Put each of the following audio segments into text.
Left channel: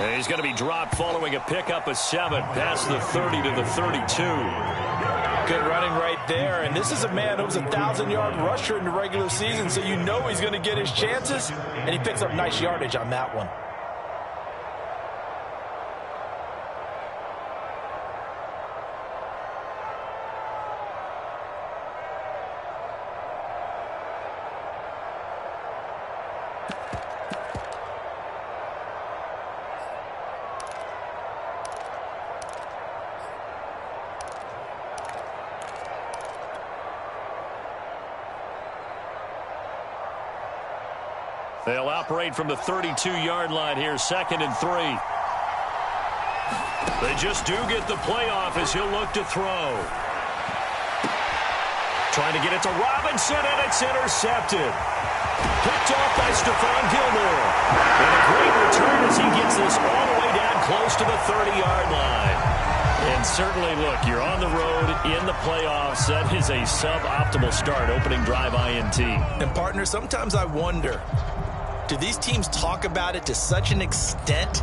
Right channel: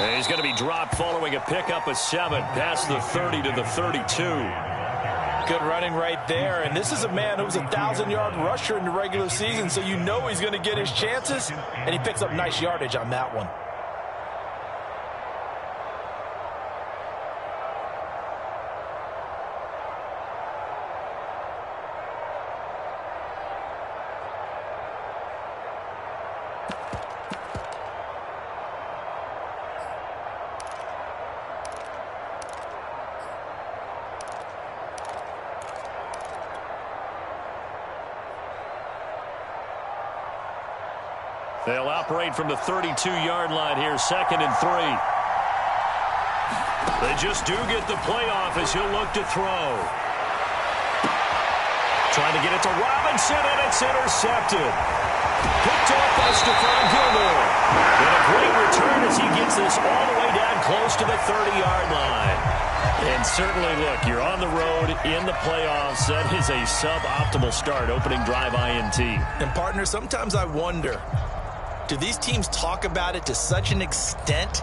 And he's going to be dropped following a pickup of 7 past the 30 to the 32. Good running right there. And this is a man who was a 1,000-yard rusher in the regular season, so you know he's going to get his chances, and he picks up nice yardage on that one. They'll operate from the 32-yard line here, 2nd and 3. They just do get the playoff as he'll look to throw. Trying to get it to Robinson, and it's intercepted. Picked off by Stephon Gilmore. And a great return as he gets this all the way down close to the 30-yard line. And certainly, look, you're on the road in the playoffs. That is a suboptimal start, opening drive INT. And, partner, sometimes I wonder, do these teams talk about it to such an extent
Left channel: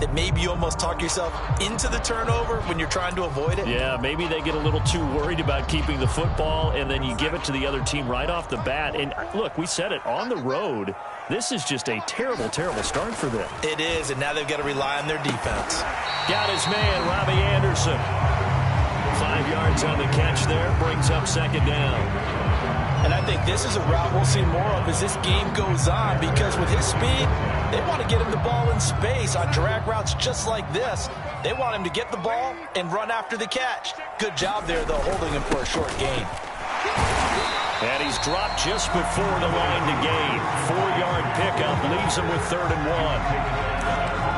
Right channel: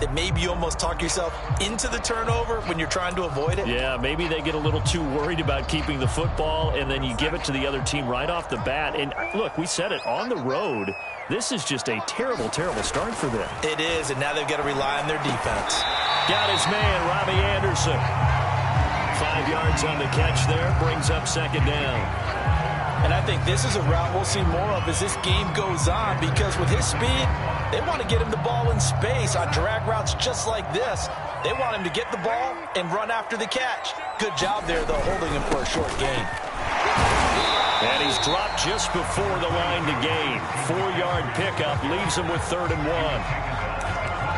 that maybe you almost talk yourself into the turnover when you're trying to avoid it? Yeah, maybe they get a little too worried about keeping the football, and then you give it to the other team right off the bat. And, look, we said it, on the road, this is just a terrible, terrible start for them. It is, and now they've got to rely on their defense. Got his man, Robbie Anderson. 5 yards on the catch there, brings up 2nd down. And I think this is a route we'll see more of as this game goes on, because with his speed, they want to get him the ball in space on drag routes just like this. They want him to get the ball and run after the catch. Good job there, though, holding him for a short gain. And he's dropped just before the line to gain. 4-yard pickup leaves him with 3rd and 1.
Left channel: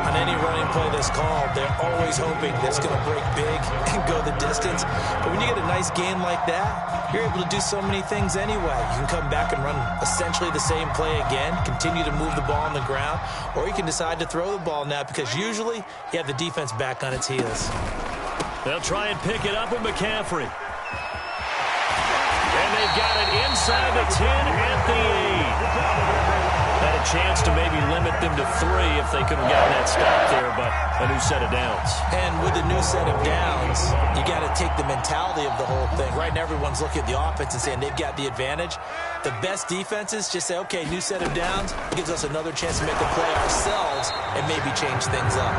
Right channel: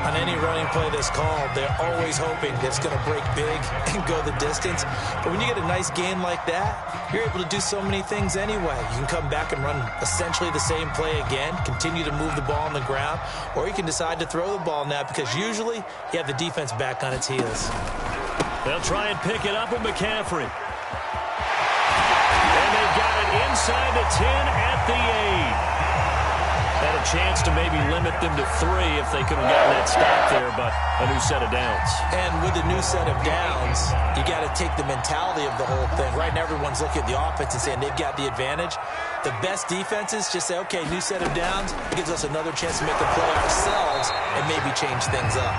On any running play that's called, they're always hoping that it's going to break big and go the distance. But when you get a nice gain like that, you're able to do so many things anyway. You can come back and run essentially the same play again, continue to move the ball on the ground, or you can decide to throw the ball now, because usually you have the defense back on its heels. They'll try and pick it up with McCaffrey. And they've got it inside the 10 at the 8. Had a chance to maybe limit them to 3 if they could have gotten that stop there, but a new set of downs. And with the new set of downs, you got to take the mentality of the whole thing. Right now, everyone's looking at the offense and saying they've got the advantage. The best defenses just say, okay, new set of downs gives us another chance to make a play ourselves and maybe change things up.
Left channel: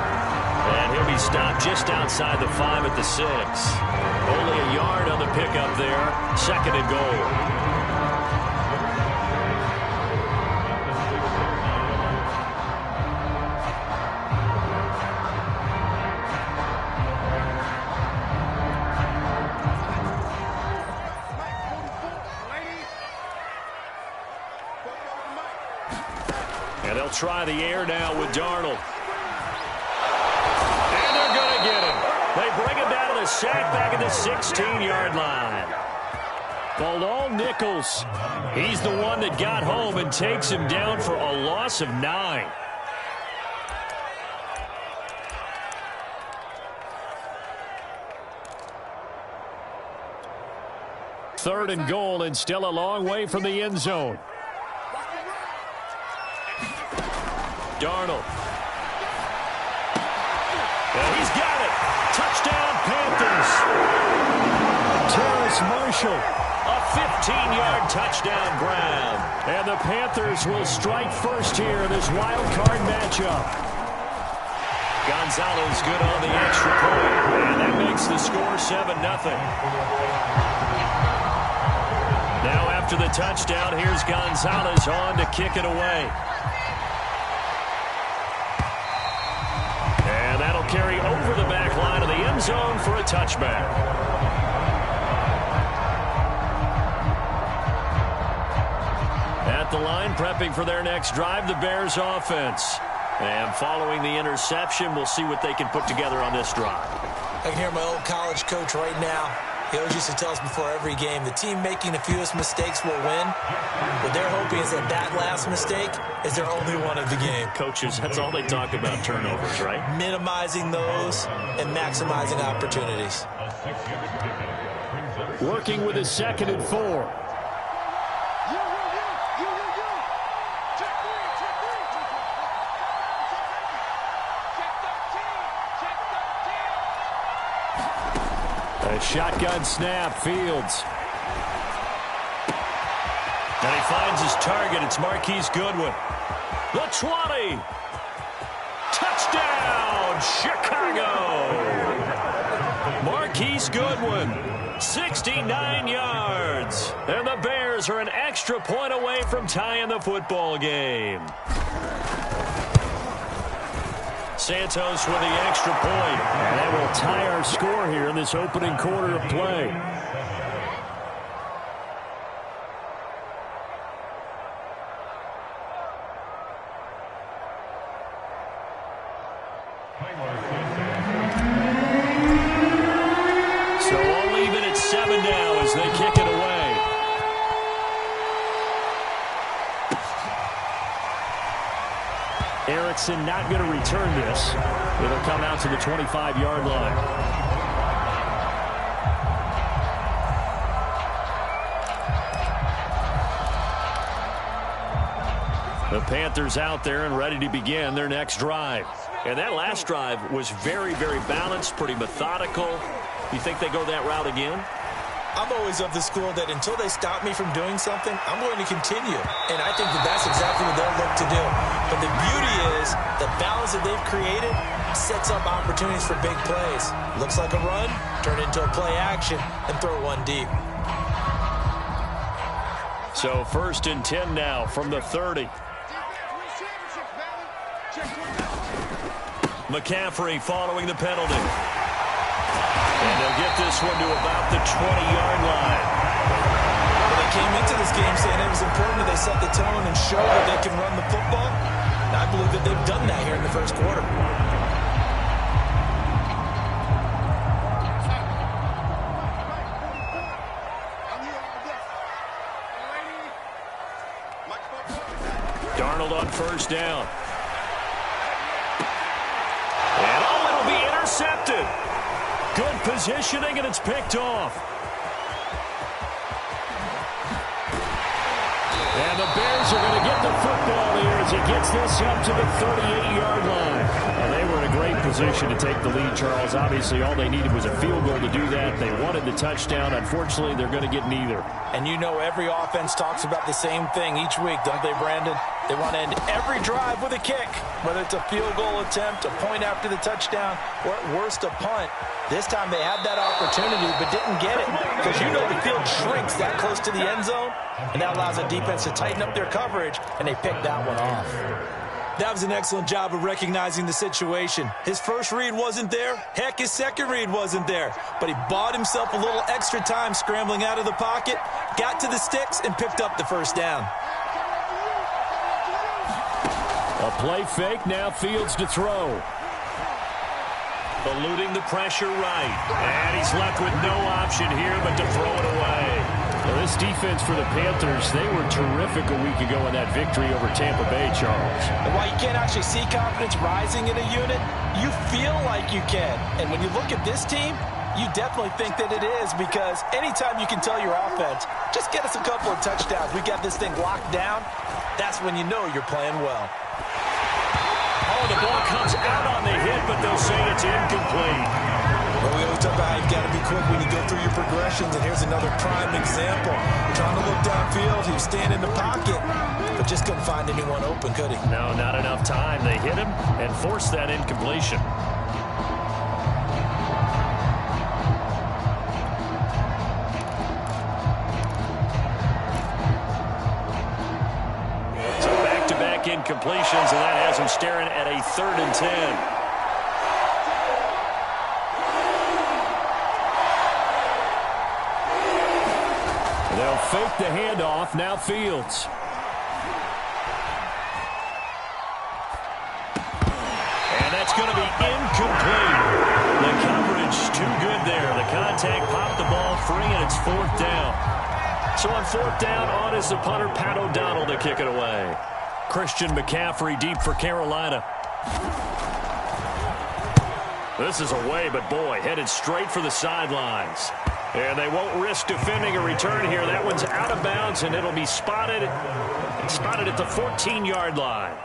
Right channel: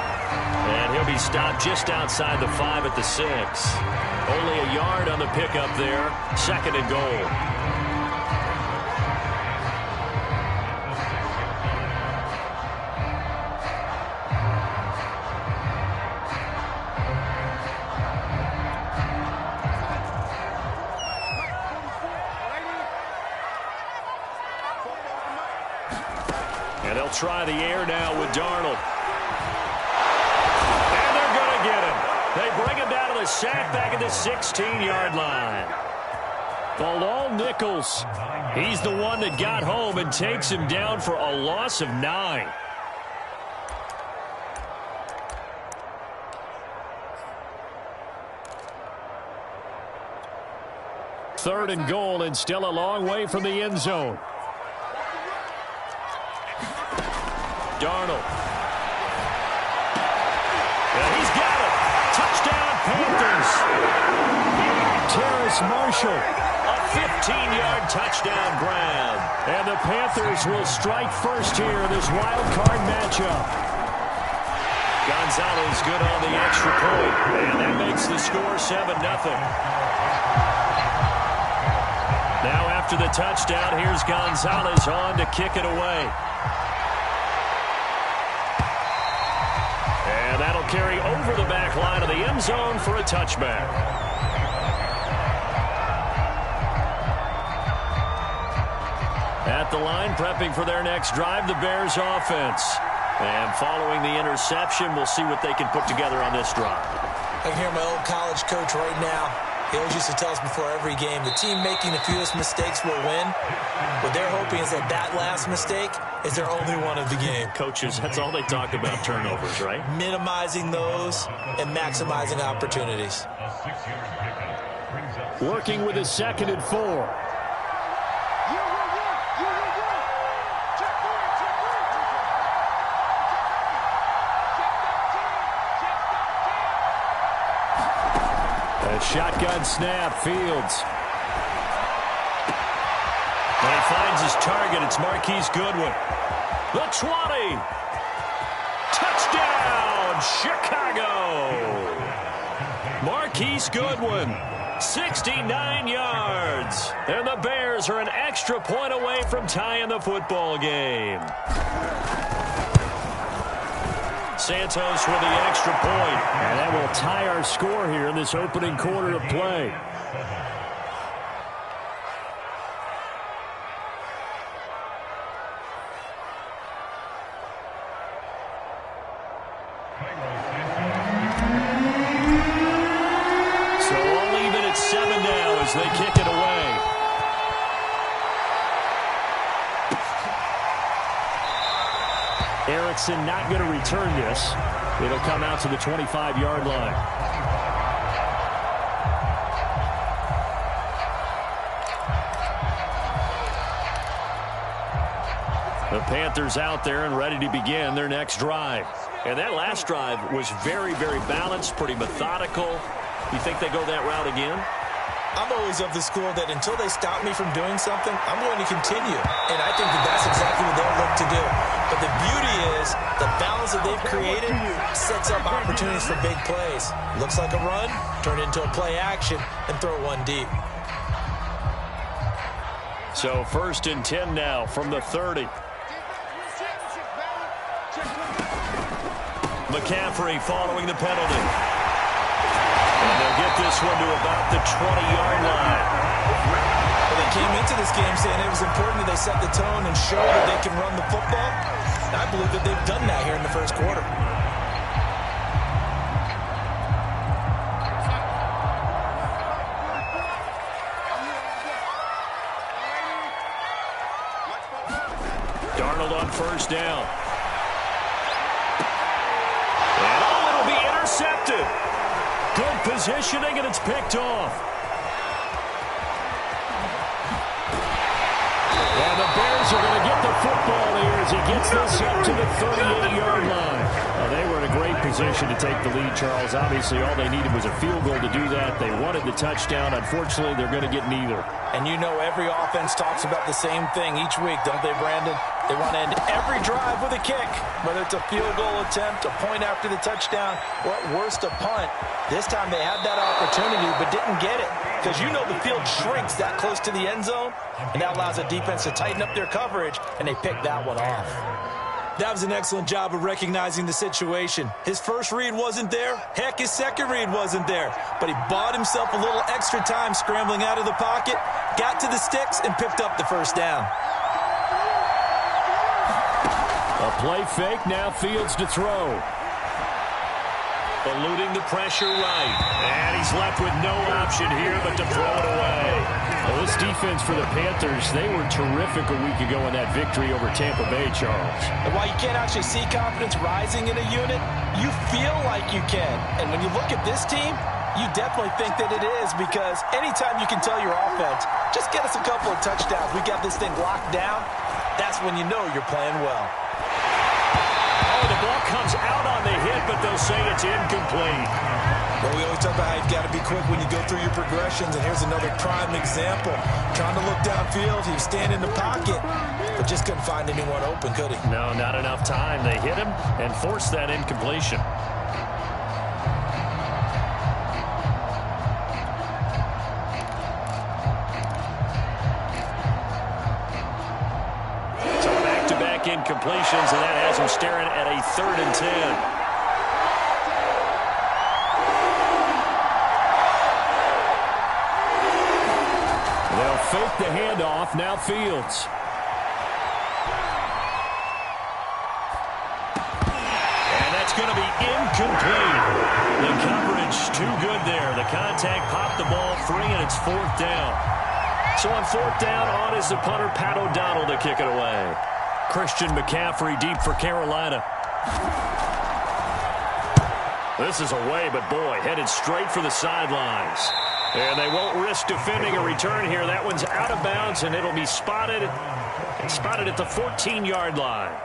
And he'll be stopped just outside the 5 at the 6. Only a yard on the pickup there, 2nd and goal. And they'll try the air now with Darnold. And they're going to get him. They bring him down to the sack back at the 16-yard line. Bilal Nichols, he's the one that got home and takes him down for a loss of 9. Third and goal, and still a long way from the end zone. Darnold. And he's got it. Touchdown, Panthers. Terrace Marshall, a 15-yard touchdown grab. And the Panthers will strike first here in this wild card matchup. Gonzalez good on the extra point, and that makes the score 7-0. Now after the touchdown, here's Gonzalez on to kick it away. And that'll carry over the back line of the end zone for a touchback. At the line, prepping for their next drive, the Bears offense. And following the interception, we'll see what they can put together on this drive. I can hear my old college coach right now. He always used to tell us before every game, the team making the fewest mistakes will win. What they're hoping is that that last mistake is their only one of the game. Coaches, that's all they talk about, turnovers, right? Minimizing those and maximizing opportunities. Working with a 2nd and 4. A shotgun snap, Fields. And he finds his target. It's Marquise Goodwin. The 20. Touchdown, Chicago. Marquise Goodwin, 69 yards. And the Bears are an extra point away from tying the football game. Santos with the extra point. And that will tie our score here in this opening quarter of play. So all even at 7 now as they kick it away. Erickson not going to return this. It'll come out to the 25-yard line. The Panthers out there and ready to begin their next drive. And that last drive was very, very balanced, pretty methodical. You think they go that route again? I'm always of the school that until they stop me from doing something, I'm going to continue. And I think that that's exactly what they'll look to do. But the beauty is the balance that they've created sets up opportunities for big plays. Looks like a run, turn it into a play action, and throw one deep. So 1st and 10 now from the 30. McCaffrey following the penalty. And they'll get this one to about the 20-yard line. Well, they came into this game saying it was important that they set the tone and show that they can run the football. And I believe that they've done that here in the first quarter. Darnold on 1st down. And it'll be intercepted. Good positioning, and it's picked off. And the Bears are going to get the football here as he gets this up to the 38-yard line. They were in a great position to take the lead, Charles. Obviously, all they needed was a field goal to do that. They wanted the touchdown. Unfortunately, they're going to get neither. And you know every offense talks about the same thing each week, don't they, Brandon? They want to end every drive with a kick, whether it's a field goal attempt, a point after the touchdown, or at worst a punt. This time they had that opportunity but didn't get it because you know the field shrinks that close to the end zone, and that allows the defense to tighten up their coverage, and they picked that one off. That was an excellent job of recognizing the situation. His first read wasn't there. Heck, his second read wasn't there. But he bought himself a little extra time scrambling out of the pocket, got to the sticks, and picked up the first down. A play fake, now Fields to throw. Eluding the pressure right. And he's left with no option here but to throw it away. Well, this defense for the Panthers, they were terrific a week ago in that victory over Tampa Bay, Charles. And while you can't actually see confidence rising in a unit, you feel like you can. And when you look at this team, you definitely think that it is, because anytime you can tell your offense, just get us a couple of touchdowns, we got this thing locked down, that's when you know you're playing well. Oh, the ball comes out on the hit, but they'll say it's incomplete. Well, we always talk about how you've got to be quick when you go through your progressions, and here's another prime example. Trying to look downfield, he was standing in the pocket, but just couldn't find anyone open, could he? No, not enough time. They hit him and forced that incompletion. So back-to-back incompletions, and that has him staring at a 3rd and 10. They'll fake the handoff. Now Fields. And that's going to be incomplete. The coverage too good there. The contact popped the ball free, and it's 4th down. So on 4th down, on is the punter, Pat O'Donnell, to kick it away. Christian McCaffrey deep for Carolina. This is away, but boy, headed straight for the sidelines. And they won't risk defending a return here. That one's out of bounds, and it'll be spotted at the 14-yard line.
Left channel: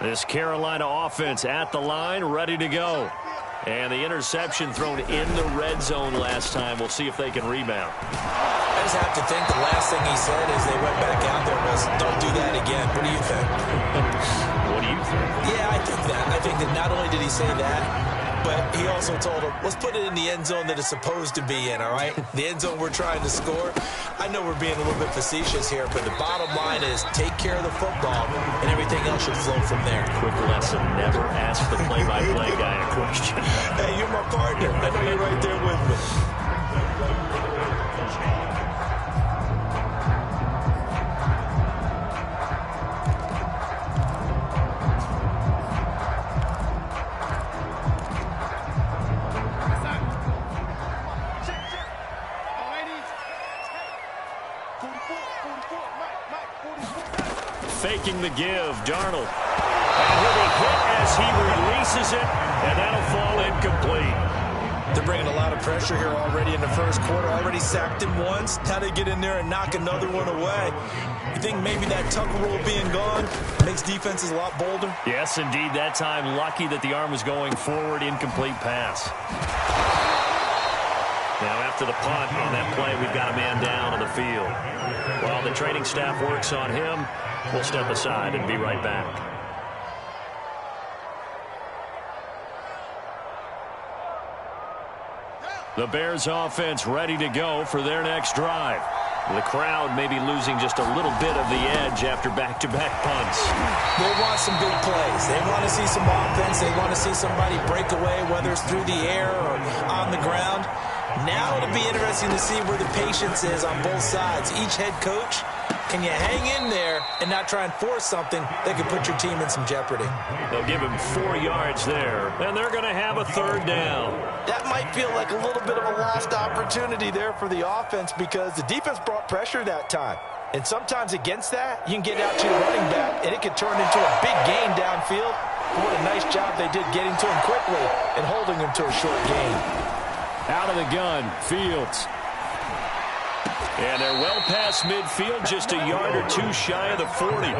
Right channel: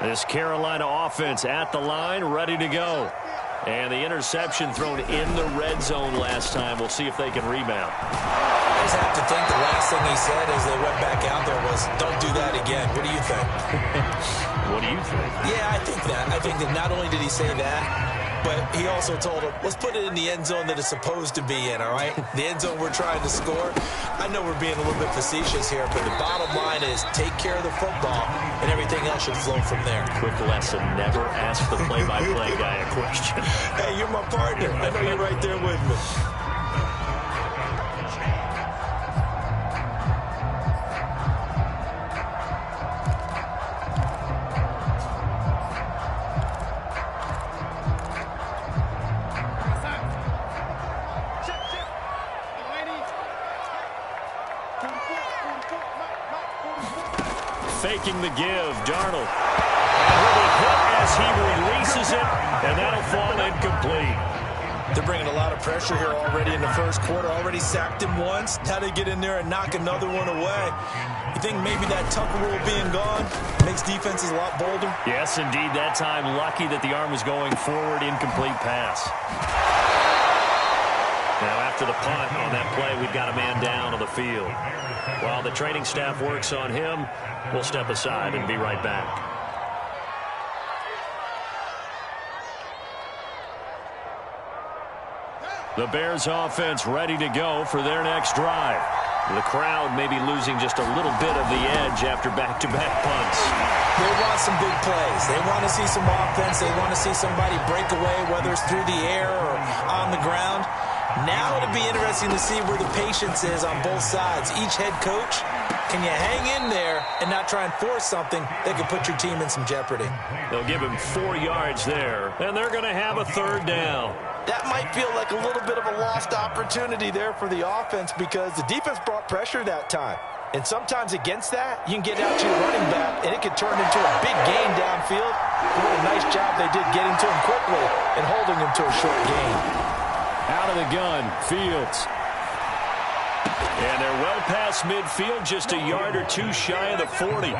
This Carolina offense at the line, ready to go. And the interception thrown in the red zone last time. We'll see if they can rebound. I just have to think the last thing he said as they went back out there was, don't do that again. What do you think? What do you think? Yeah, I think that. I think that not only did he say that, but he also told him, let's put it in the end zone that it's supposed to be in, all right? The end zone we're trying to score. I know we're being a little bit facetious here, but the bottom line is take care of the football, and everything else should flow from there. Quick lesson, never ask the play-by-play guy a question. Hey, you're my partner. I know you're right there with me. Faking the give, Darnold. And he'll be hit as he releases it, and that'll fall incomplete. They're bringing a lot of pressure here already in the first quarter. Already sacked him once. Now they get in there and knock another one away. You think maybe that Tucker rule being gone makes defenses a lot bolder? Yes, indeed. That time, lucky that the arm was going forward, incomplete pass. Now, after the punt on that play, we've got a man down on the field. While the training staff works on him, we'll step aside and be right back. The Bears offense ready to go for their next drive. The crowd may be losing just a little bit of the edge after back-to-back punts. They want some big plays. They want to see some offense. They want to see somebody break away, whether it's through the air or on the ground. Now it'll be interesting to see where the patience is on both sides. Each head coach, can you hang in there and not try and force something that could put your team in some jeopardy? They'll give him 4 yards there, and they're going to have a third down. That might feel like a little bit of a lost opportunity there for the offense because the defense brought pressure that time. And sometimes against that, you can get out to your running back, and it could turn into a big gain downfield. What a nice job they did getting to him quickly and holding him to a short gain. Out of the gun, Fields. And they're well past midfield, just a yard or two shy of the 40.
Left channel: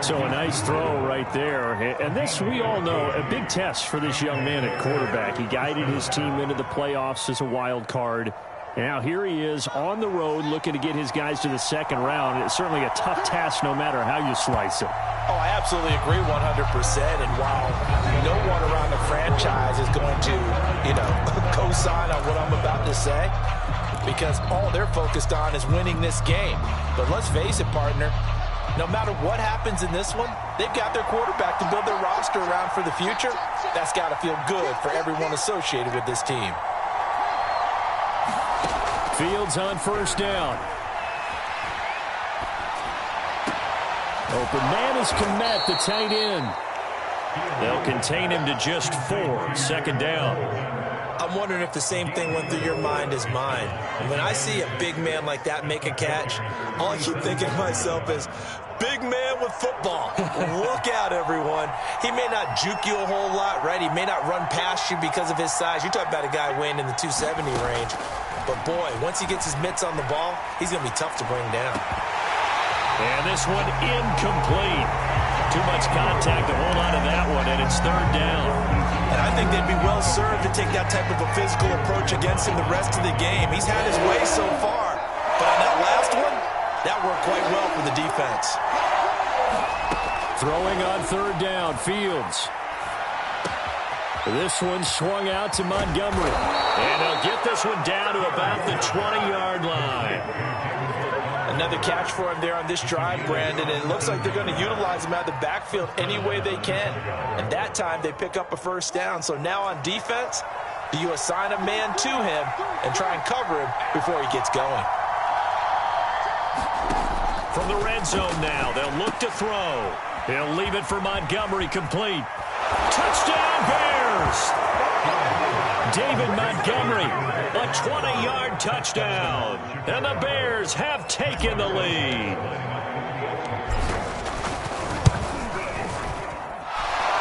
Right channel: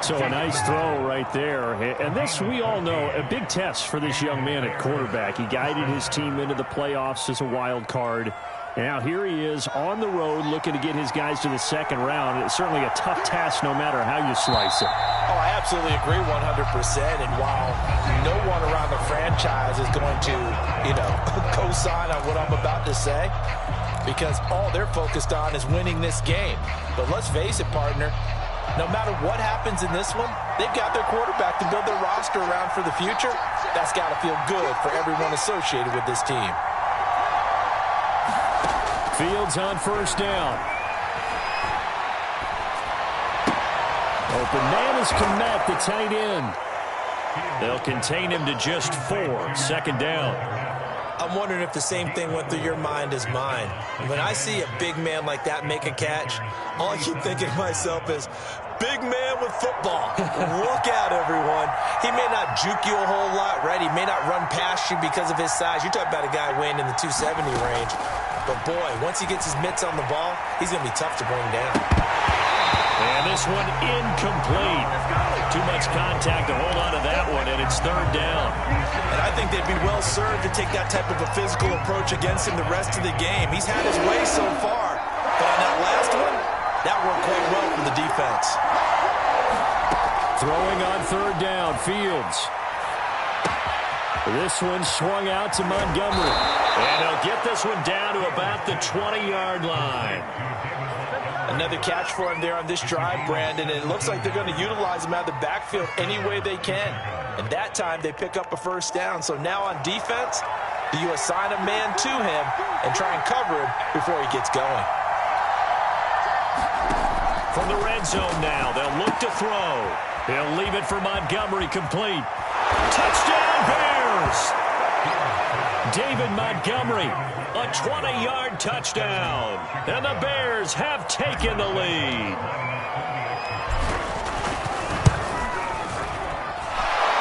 So a nice throw right there. And this, we all know, a big test for this young man at quarterback. He guided his team into the playoffs as a wild card. And now here he is on the road looking to get his guys to the second round. It's certainly a tough task no matter how you slice it. Oh, I absolutely agree 100%. And while no one around the franchise is going to, co-sign on what I'm about to say, because all they're focused on is winning this game. But let's face it, partner, no matter what happens in this one, they've got their quarterback to build their roster around for the future. That's got to feel good for everyone associated with this team. Fields on first down. Open man is Kmet, the tight end. They'll contain him to just 4. Second down. I'm wondering if the same thing went through your mind as mine. When I see a big man like that make a catch, all I keep thinking to myself is, big man with football. Look out, everyone. He may not juke you a whole lot, right? He may not run past you because of his size. You're talking about a guy weighing in the 270 range. But, boy, once he gets his mitts on the ball, he's going to be tough to bring down. And this one incomplete. Too much contact to hold on to that one, and it's third down. And I think they'd be well served to take that type of a physical approach against him the rest of the game. He's had his way so far. But on that last one, that worked quite well for the defense. Throwing on third down, Fields. This one swung out to Montgomery. And he'll get this one down to about the 20-yard line. Another catch for him there on this drive, Brandon, and it looks like they're going to utilize him out of the backfield any way they can. And that time they pick up a first down. So now on defense, do you assign a man to him and try and cover him before he gets going? From the red zone now, they'll look to throw. He'll leave it for Montgomery, complete. Touchdown, Bears! David Montgomery, a 20-yard touchdown. And the Bears have taken the lead.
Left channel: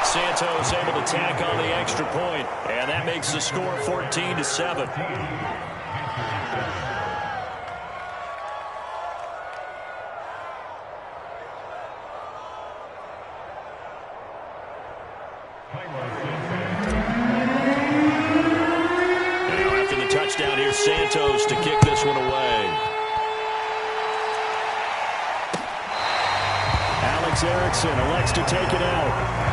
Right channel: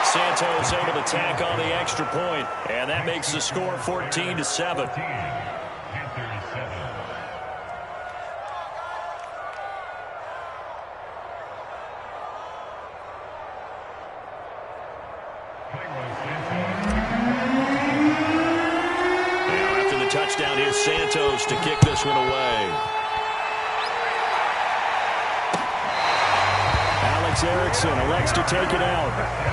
Santos able to tack on the extra point, and that makes the score 14-7. Now after the touchdown, here's Santos to kick this one away. Alex Erickson elects to take it out.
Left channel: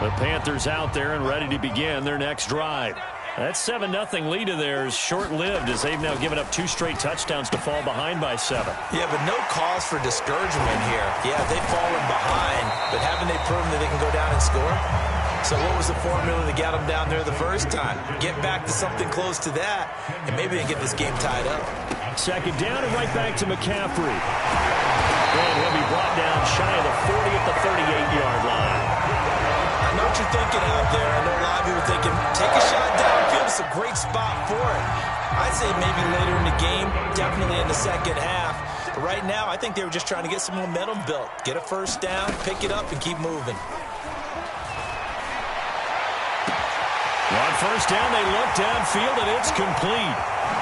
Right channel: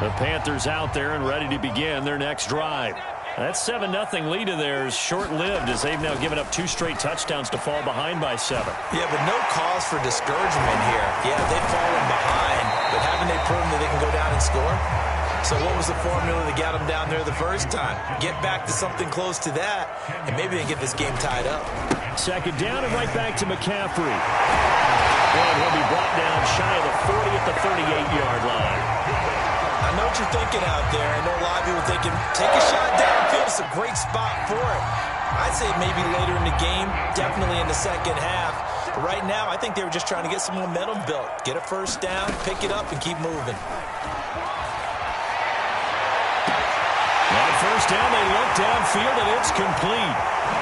The Panthers out there and ready to begin their next drive. That 7-0 lead of theirs short-lived as they've now given up 2 straight touchdowns to fall behind by 7. Yeah, but no cause for discouragement here. Yeah, they've fallen behind, but haven't they proven that they can go down and score? So what was the formula that got them down there the first time? Get back to something close to that, and maybe they get this game tied up. Second down and right back to McCaffrey. And he'll be brought down shy of the 40 at the 38-yard line. I know what you're thinking out there. I know a lot of people thinking, take a shot downfield. It's a great spot for it. I'd say maybe later in the game, definitely in the second half. But right now, I think they were just trying to get some momentum built. Get a first down, pick it up, and keep moving. On first down, they look downfield, and it's complete.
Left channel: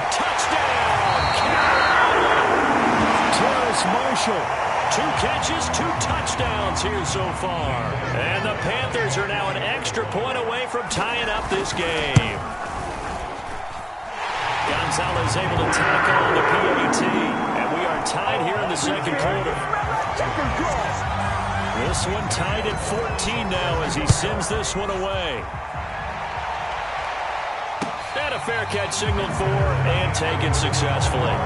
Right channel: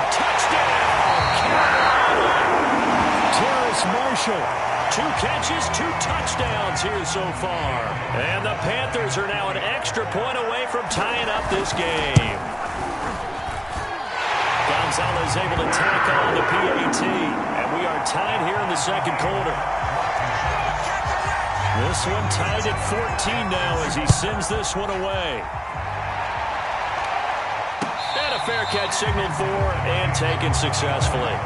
Touchdown, Carolina! Terrace Marshall. 2 catches, 2 touchdowns here so far. And the Panthers are now an extra point away from tying up this game. Gonzalez able to tackle on the PAT. And we are tied here in the second quarter. This one tied at 14 now as he sends this one away. And a fair catch signaled for and taken successfully.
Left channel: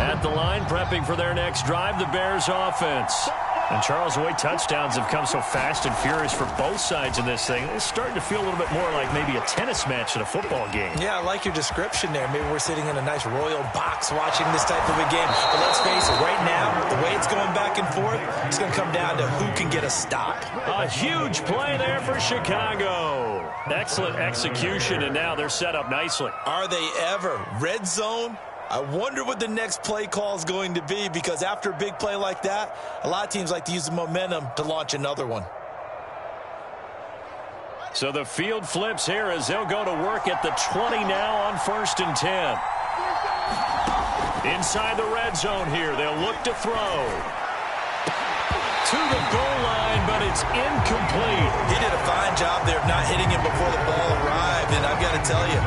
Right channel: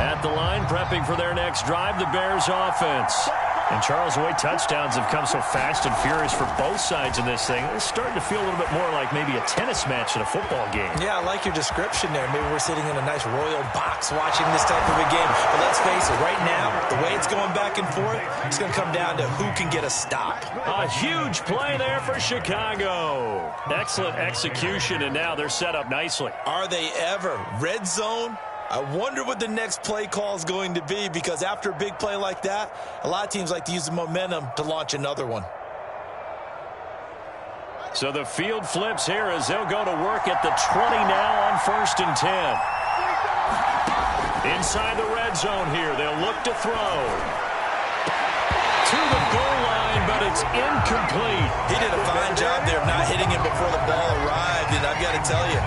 At the line, prepping for their next drive, the Bears offense. And Charles, the way touchdowns have come so fast and furious for both sides in this thing, it's starting to feel a little bit more like maybe a tennis match than a football game. Yeah, I like your description there. Maybe we're sitting in a nice royal box watching this type of a game. But let's face it, right now, the way it's going back and forth, it's going to come down to who can get a stop. A huge play there for Chicago. Excellent execution, and now they're set up nicely. Are they ever? Red zone? I wonder what the next play call is going to be, because after a big play like that, a lot of teams like to use the momentum to launch another one. So the field flips here as they'll go to work at the 20 now on 1st and 10. Inside the red zone here, they'll look to throw. To the goal line, but it's incomplete. He did a fine job there of not hitting him before the ball arrived, and I've got to tell you,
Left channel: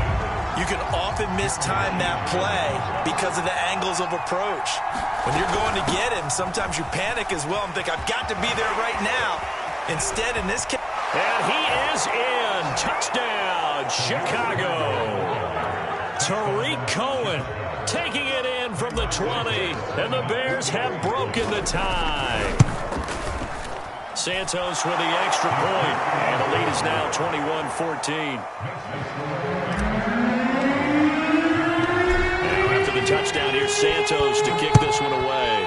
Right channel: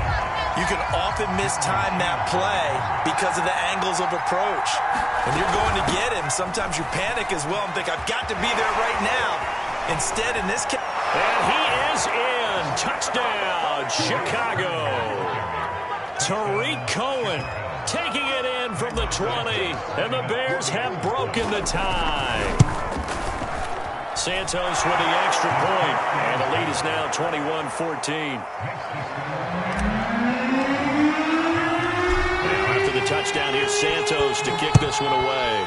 you can often mistime that play because of the angles of approach. When you're going to get him, sometimes you panic as well and think, I've got to be there right now. Instead, in this case... And he is in. Touchdown, Chicago. Tariq Cohen taking it in from the 20, and the Bears have broken the tie. Santos with the extra point, and the lead is now 21-14. The touchdown here, Santos to kick this one away.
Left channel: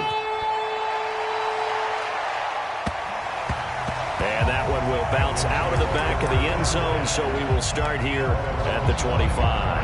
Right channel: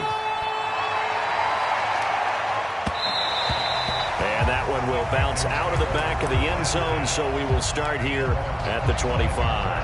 And that one will bounce out of the back of the end zone, so we will start here at the 25.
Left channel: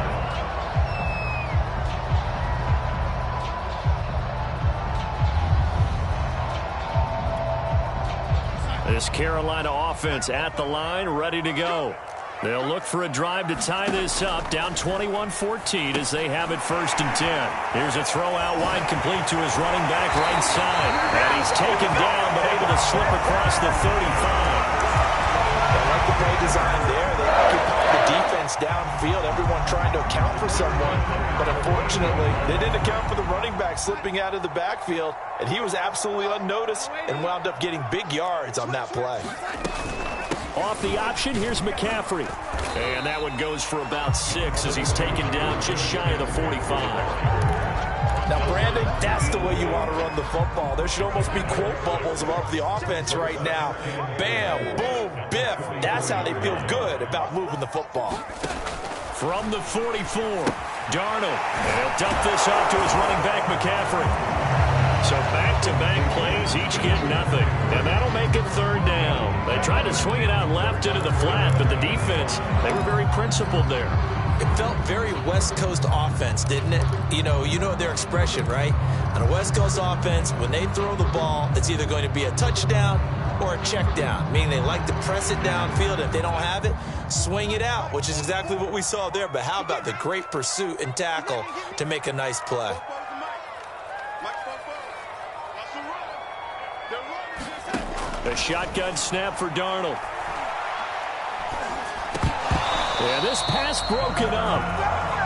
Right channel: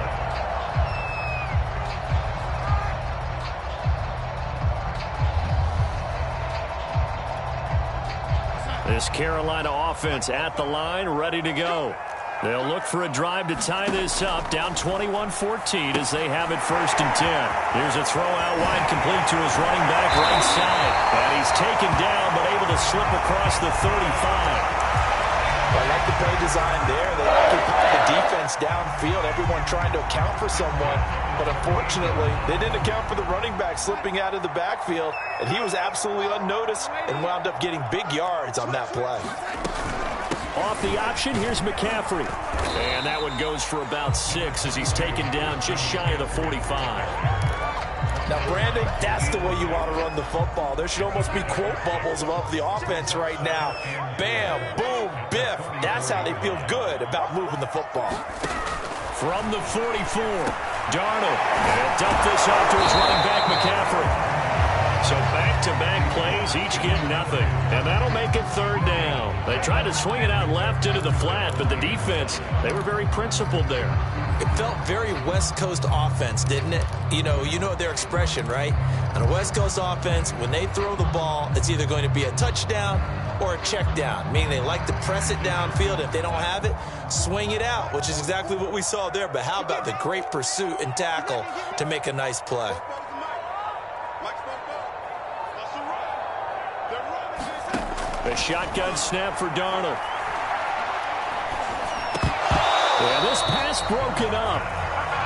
This Carolina offense at the line, ready to go. They'll look for a drive to tie this up, down 21-14 as they have it 1st and 10. Here's a throw out wide, complete to his running back right side. And he's taken down, but able to slip across the 35. I like the play design there. They occupied the defense downfield, everyone trying to account for someone. But unfortunately, they didn't account for the running back slipping out of the backfield. And he was absolutely unnoticed and wound up getting big yards on that play. Off the option, here's McCaffrey. And that one goes for about 6 as he's taken down just shy of the 45. Now, Brandon, that's the way you want to run the football. There should almost be quote bubbles above the offense right now. Bam, boom, biff. That's how they feel good about moving the football. From the 44, Darnold. And he'll dump this off to his running back, McCaffrey. So back-to-back plays, each get nothing. And that'll make it third down. They tried to swing it out left into the flat, but the defense, they were very principled there. It felt very West Coast offense, didn't it? You know their expression, right? On a West Coast offense, when they throw the ball, it's either going to be a touchdown or a check down, meaning they like to press it downfield. If they don't have it, swing it out, which is exactly what we saw there. But how about the great pursuit and tackle to make a nice play? A shotgun snap for Darnold. Yeah, this pass broken up.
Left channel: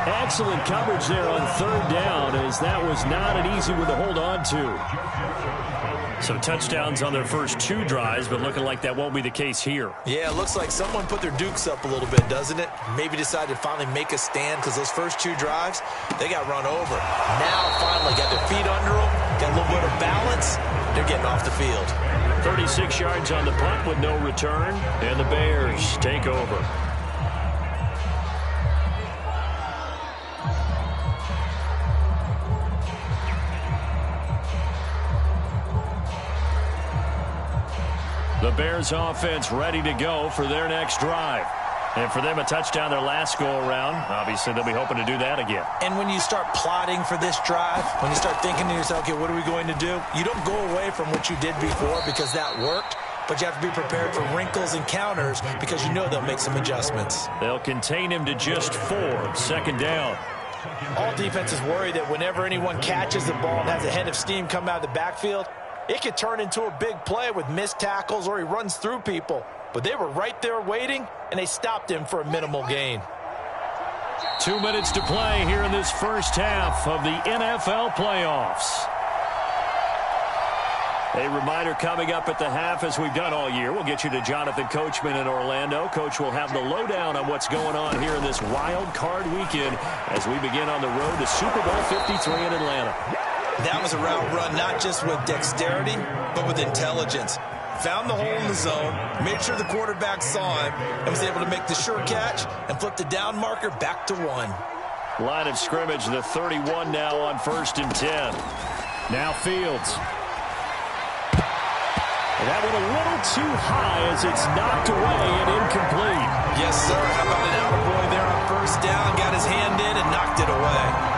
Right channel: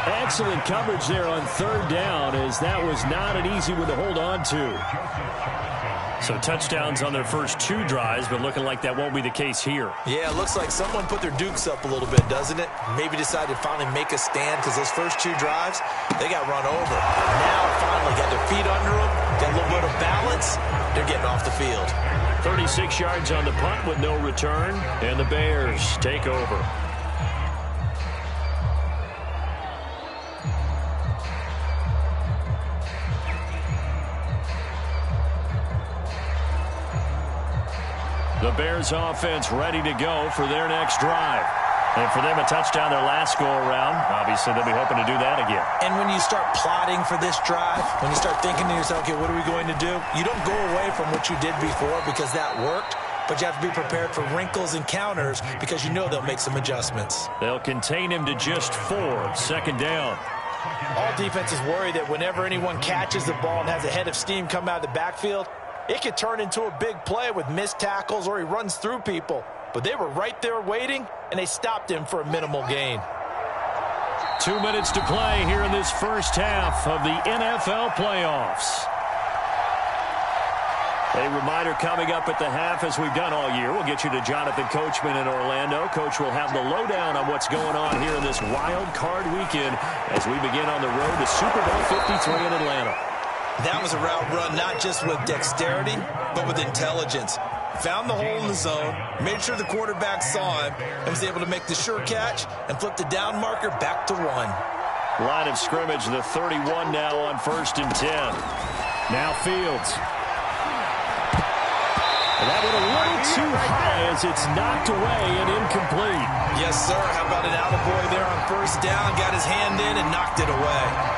Excellent coverage there on third down, as that was not an easy one to hold on to. So touchdowns on their first 2 drives, but looking like that won't be the case here. Yeah, it looks like someone put their dukes up a little bit, doesn't it? Maybe decided to finally make a stand, because those first 2 drives, they got run over. Now finally got their feet under them, got a little bit of balance. They're getting off the field. 36 yards on the punt with no return, and the Bears take over. The Bears offense ready to go for their next drive. And for them, a touchdown their last go-around. Obviously, they'll be hoping to do that again. And when you start plotting for this drive, when you start thinking to yourself, okay, what are we going to do? You don't go away from what you did before because that worked, but you have to be prepared for wrinkles and counters because you know they'll make some adjustments. They'll contain him to just 4, second down. All defenses worry that whenever anyone catches the ball and has a head of steam come out of the backfield, it could turn into a big play with missed tackles or he runs through people. But they were right there waiting, and they stopped him for a minimal gain. 2 minutes to play here in this first half of the NFL playoffs. A reminder coming up at the half, as we've done all year. We'll get you to Jonathan Coachman in Orlando. Coach will have the lowdown on what's going on here in this wild card weekend as we begin on the road to Super Bowl 53 in Atlanta. That was a route run not just with dexterity, but with intelligence. Found the hole in the zone, made sure the quarterback saw him, and was able to make the sure catch and flip the down marker back to 1. Line of scrimmage, the 31 now on 1st and 10. Now Fields. And that went a little too high as it's knocked away and incomplete. Yes, sir. How about an attaboy there on 1st down? Got his hand in and knocked it away.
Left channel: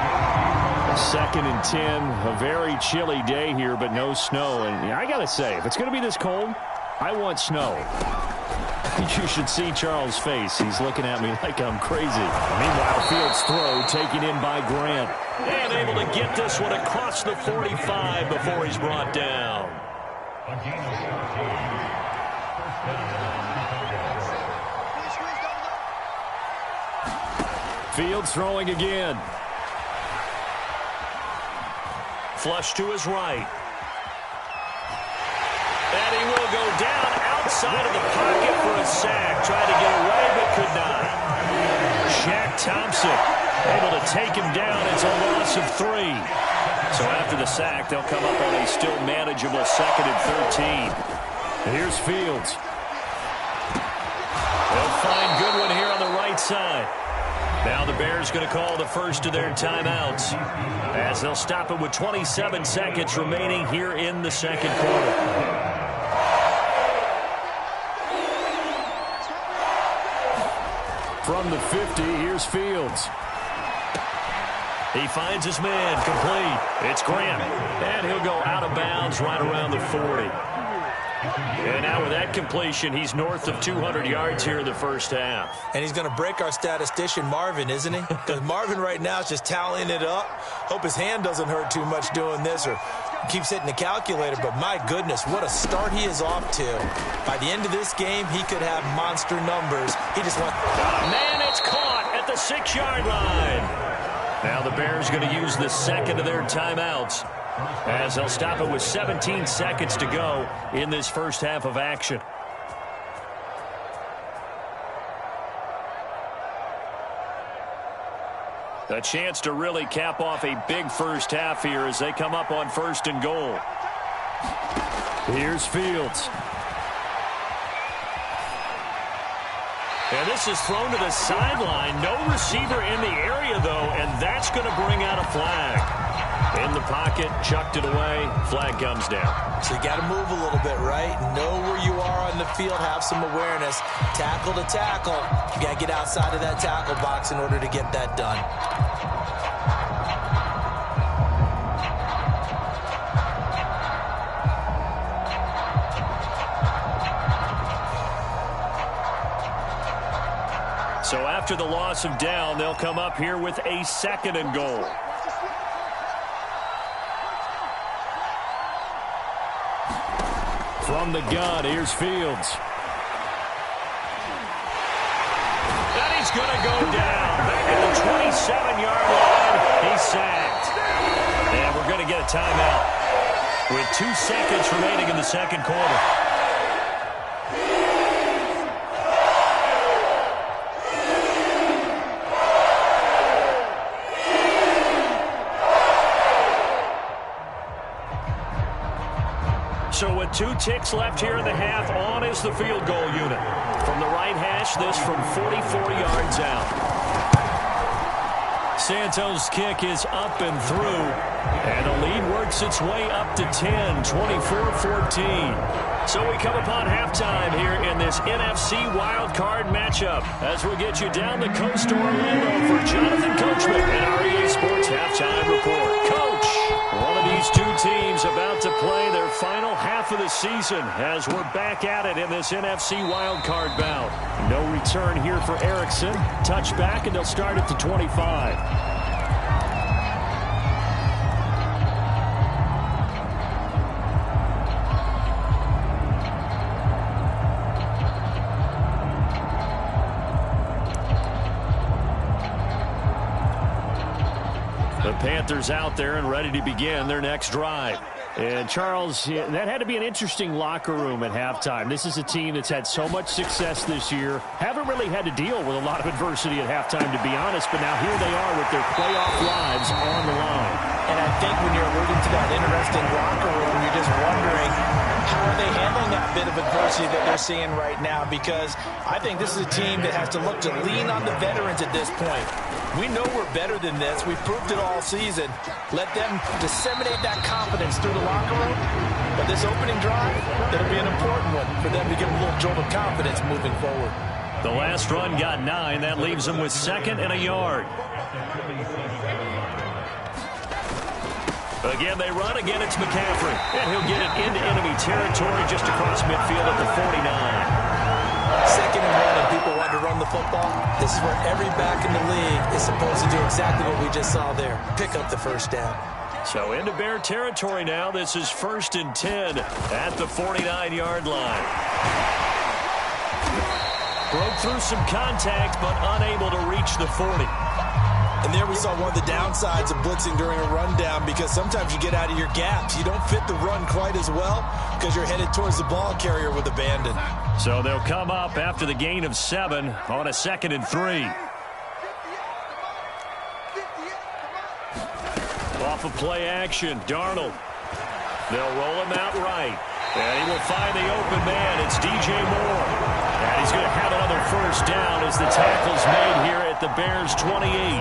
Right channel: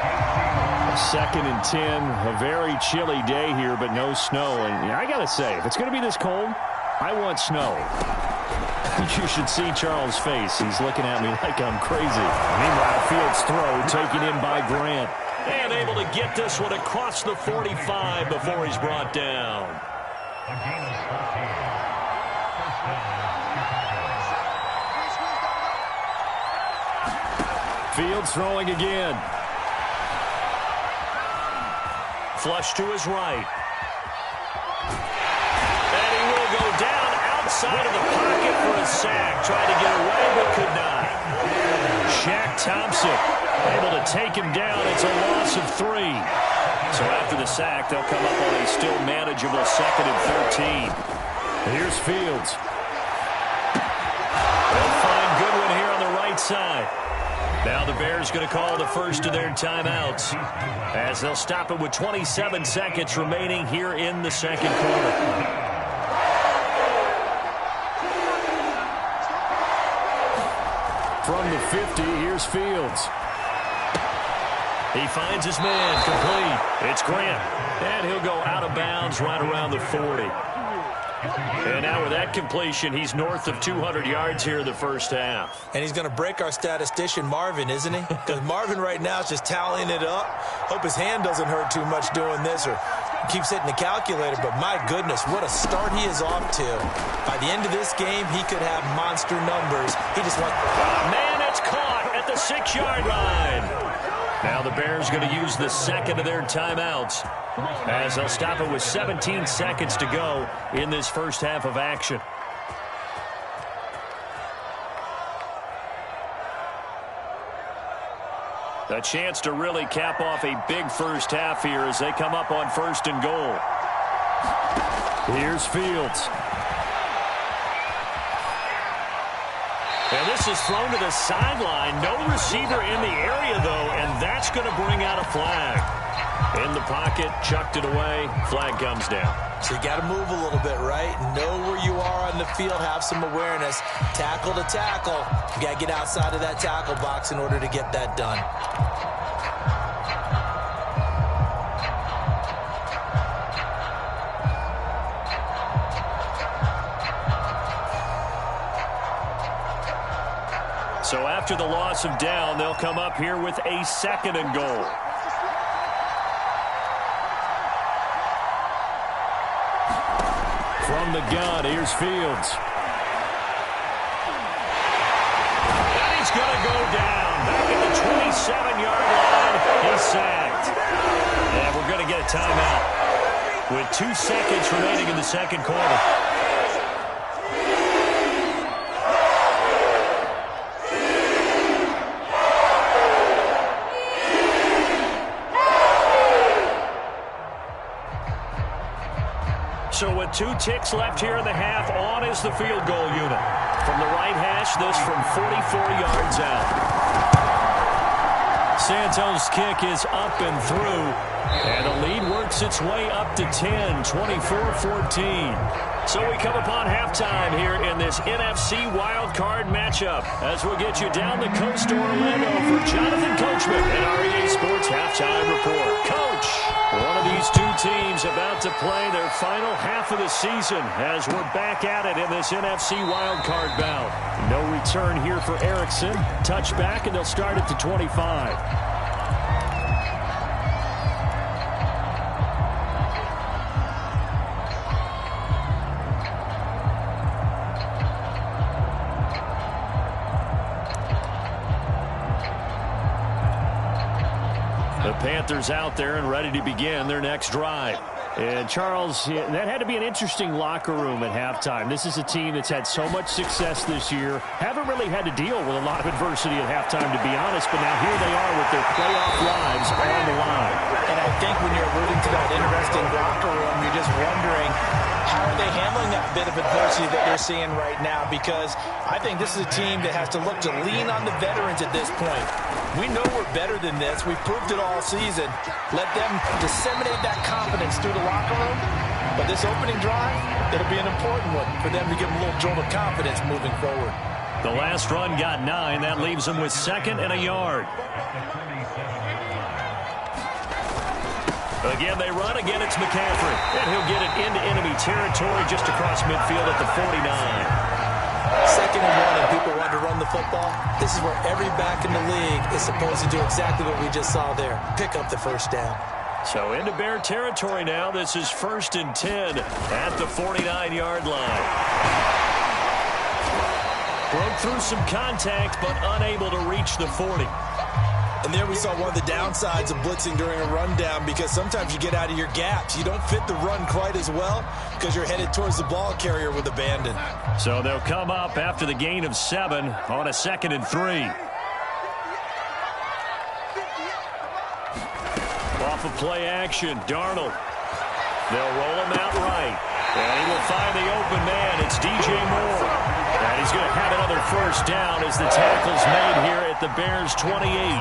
2nd and 10, a very chilly day here, but no snow. And I got to say, if it's going to be this cold, I want snow. You should see Charles' face. He's looking at me like I'm crazy. Meanwhile, Fields' throw taken in by Grant. And able to get this one across the 45 before he's brought down. Fields throwing again. Flush to his right. And he will go down outside of the pocket for a sack. Tried to get away, but could not. Shaq Thompson able to take him down. It's a loss of 3. So after the sack, they'll come up on a still manageable 2nd and 13. Here's Fields. They'll find Goodwin here on the right side. Now the Bears going to call the first of their timeouts as they'll stop it with 27 seconds remaining here in the second quarter. From the 50, here's Fields. He finds his man, complete. It's Grant, and he'll go out of bounds right around the 40. And now with that completion, he's north of 200 yards here in the first half. And he's going to break our statistician, Marvin, isn't he? Because Marvin right now is just tallying it up. Hope his hand doesn't hurt too much doing this or keeps hitting the calculator. But my goodness, what a start he is off to. By the end of this game, he could have monster numbers. He just wants... Man, it's caught at the 6-yard line. Now the Bears going to use the second of their timeouts as they'll stop it with 17 seconds to go in this first half of action. A chance to really cap off a big first half here as they come up on 1st and goal. Here's Fields. And this is thrown to the sideline. No receiver in the area, though, and that's going to bring out a flag. In the pocket, chucked it away, flag comes down. So you got to move a little bit, right? Know where you are on the field, have some awareness. Tackle to tackle. You got to get outside of that tackle box in order to get that done. So after the loss of down, they'll come up here with a 2nd and goal. From the gun, here's Fields. And he's going to go down. Back at the 27-yard line, he's sacked. And we're going to get a timeout with 2 seconds remaining in the second quarter. So with 2 ticks left here in the half, on is the field goal unit. From the right hash, this from 44 yards out. Santos' kick is up and through, and the lead works its way up to 10, 24-14. So we come upon halftime here in this NFC wildcard matchup as we'll get you down the coast to Orlando for Jonathan Coachman and our EA Sports Halftime Report. Coach, one of these 2 teams about to play their final half of the season as we're back at it in this NFC wildcard bout. No return here for Erickson. Touchback, and they'll start at the 25. The Panthers out there and ready to begin their next drive. And, Charles, that had to be an interesting locker room at halftime. This is a team that's had so much success this year. Haven't really had to deal with a lot of adversity at halftime, to be honest. But now here they are with their playoff lives on the line. And I think when you're alluding to that interesting locker room, you're just wondering, how are they handling that bit of adversity that they're seeing right now? Because I think this is a team that has to look to lean on the veterans at this point. We know we're better than this. We've proved it all season. Let them disseminate that confidence through the locker room. But this opening drive, it'll be an important one for them to give them a little jolt of confidence moving forward. The last run got 9. That leaves them with 2nd and a yard. Again, they run. Again, it's McCaffrey. And he'll get it into enemy territory just across midfield at the 49. 2nd and 1, and people want to run the football. This is where every back in the league is supposed to do exactly what we just saw there. Pick up the first down. So into Bear territory now. This is 1st and 10 at the 49-yard line. Broke through some contact, but unable to reach the 40. And there we saw one of the downsides of blitzing during a rundown, because sometimes you get out of your gaps. You don't fit the run quite as well because you're headed towards the ball carrier with abandon. So they'll come up after the gain of 7 on a 2nd and 3. Off of play action, Darnold. They'll roll him out right. And he will find the open man. It's DJ Moore. And he's going to have another first down as the tackle's made here at the Bears' 28.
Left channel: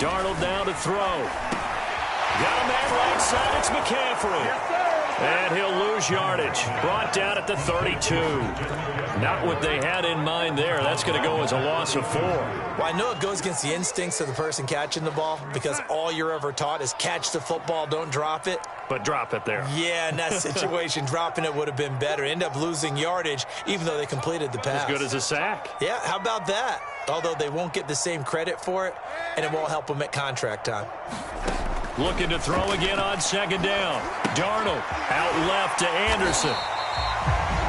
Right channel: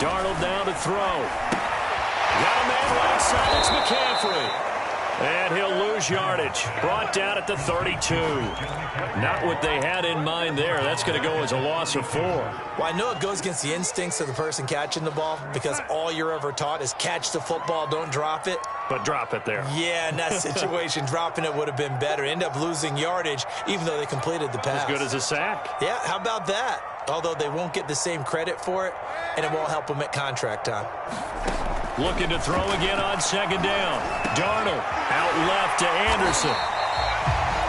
Darnold now to throw. Got a man right side. It's McCaffrey. And he'll lose yardage. Brought down at the 32. Not what they had in mind there. That's going to go as a loss of 4. Well, I know it goes against the instincts of the person catching the ball, because all you're ever taught is catch the football, don't drop it. But drop it there. Yeah, in that situation, dropping it would have been better. End up losing yardage, even though they completed the pass. As good as a sack. Yeah, how about that? Although they won't get the same credit for it, and it won't help them at contract time. Looking to throw again on 2nd down. Darnold out left to Anderson.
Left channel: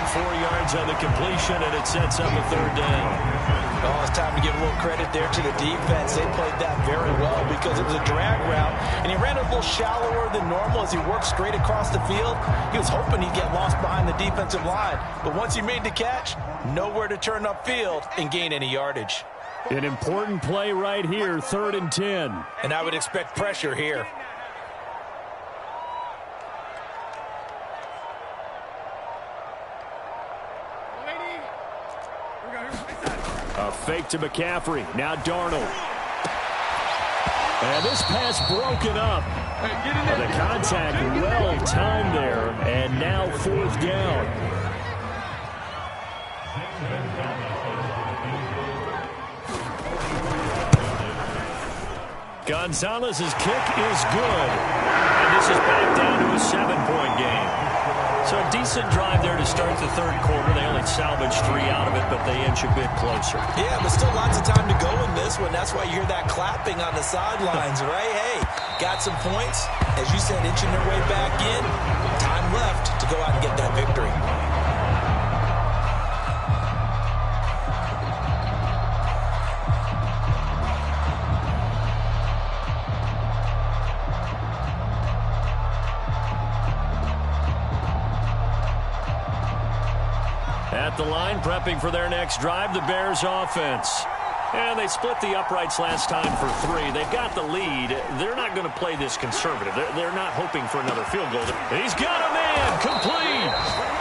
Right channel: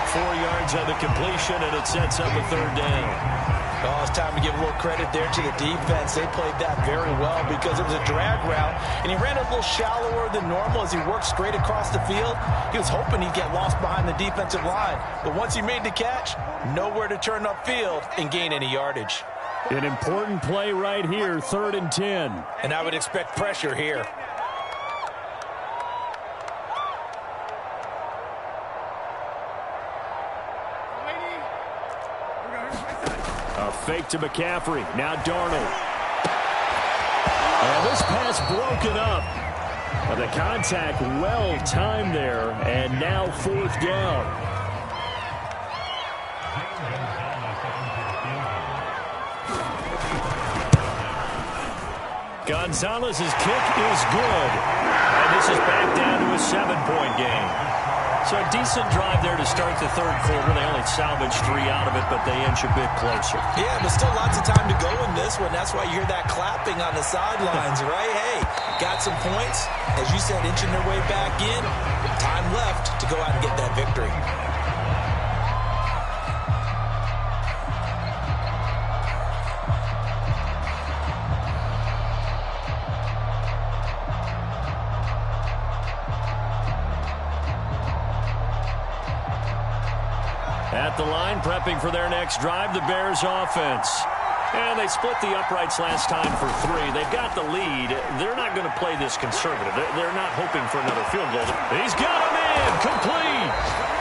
4 yards on the completion, and it sets up a 3rd down. Oh, it's time to give a little credit there to the defense. They played that very well because it was a drag route, and he ran a little shallower than normal as he worked straight across the field. He was hoping he'd get lost behind the defensive line, but once he made the catch, nowhere to turn upfield and gain any yardage. An important play right here, 3rd and 10. And I would expect pressure here. A fake to McCaffrey. Now Darnold. And this pass broken up. The contact well timed there, and now 4th down. Gonzalez's kick is good. And this is back down to a 7-point game. So a decent drive there to start the 3rd quarter. They only salvaged 3 out of it, but they inch a bit closer. Yeah, but still lots of time to go in this one. That's why you hear that clapping on the sidelines, right? Hey, got some points. As you said, inching their way back in. Time left to go out and get that victory. At the line, prepping for their next drive, the Bears offense. And they split the uprights last time for 3. They've got the lead. They're not going to play this conservative. They're not hoping for another field goal. He's got a man, complete.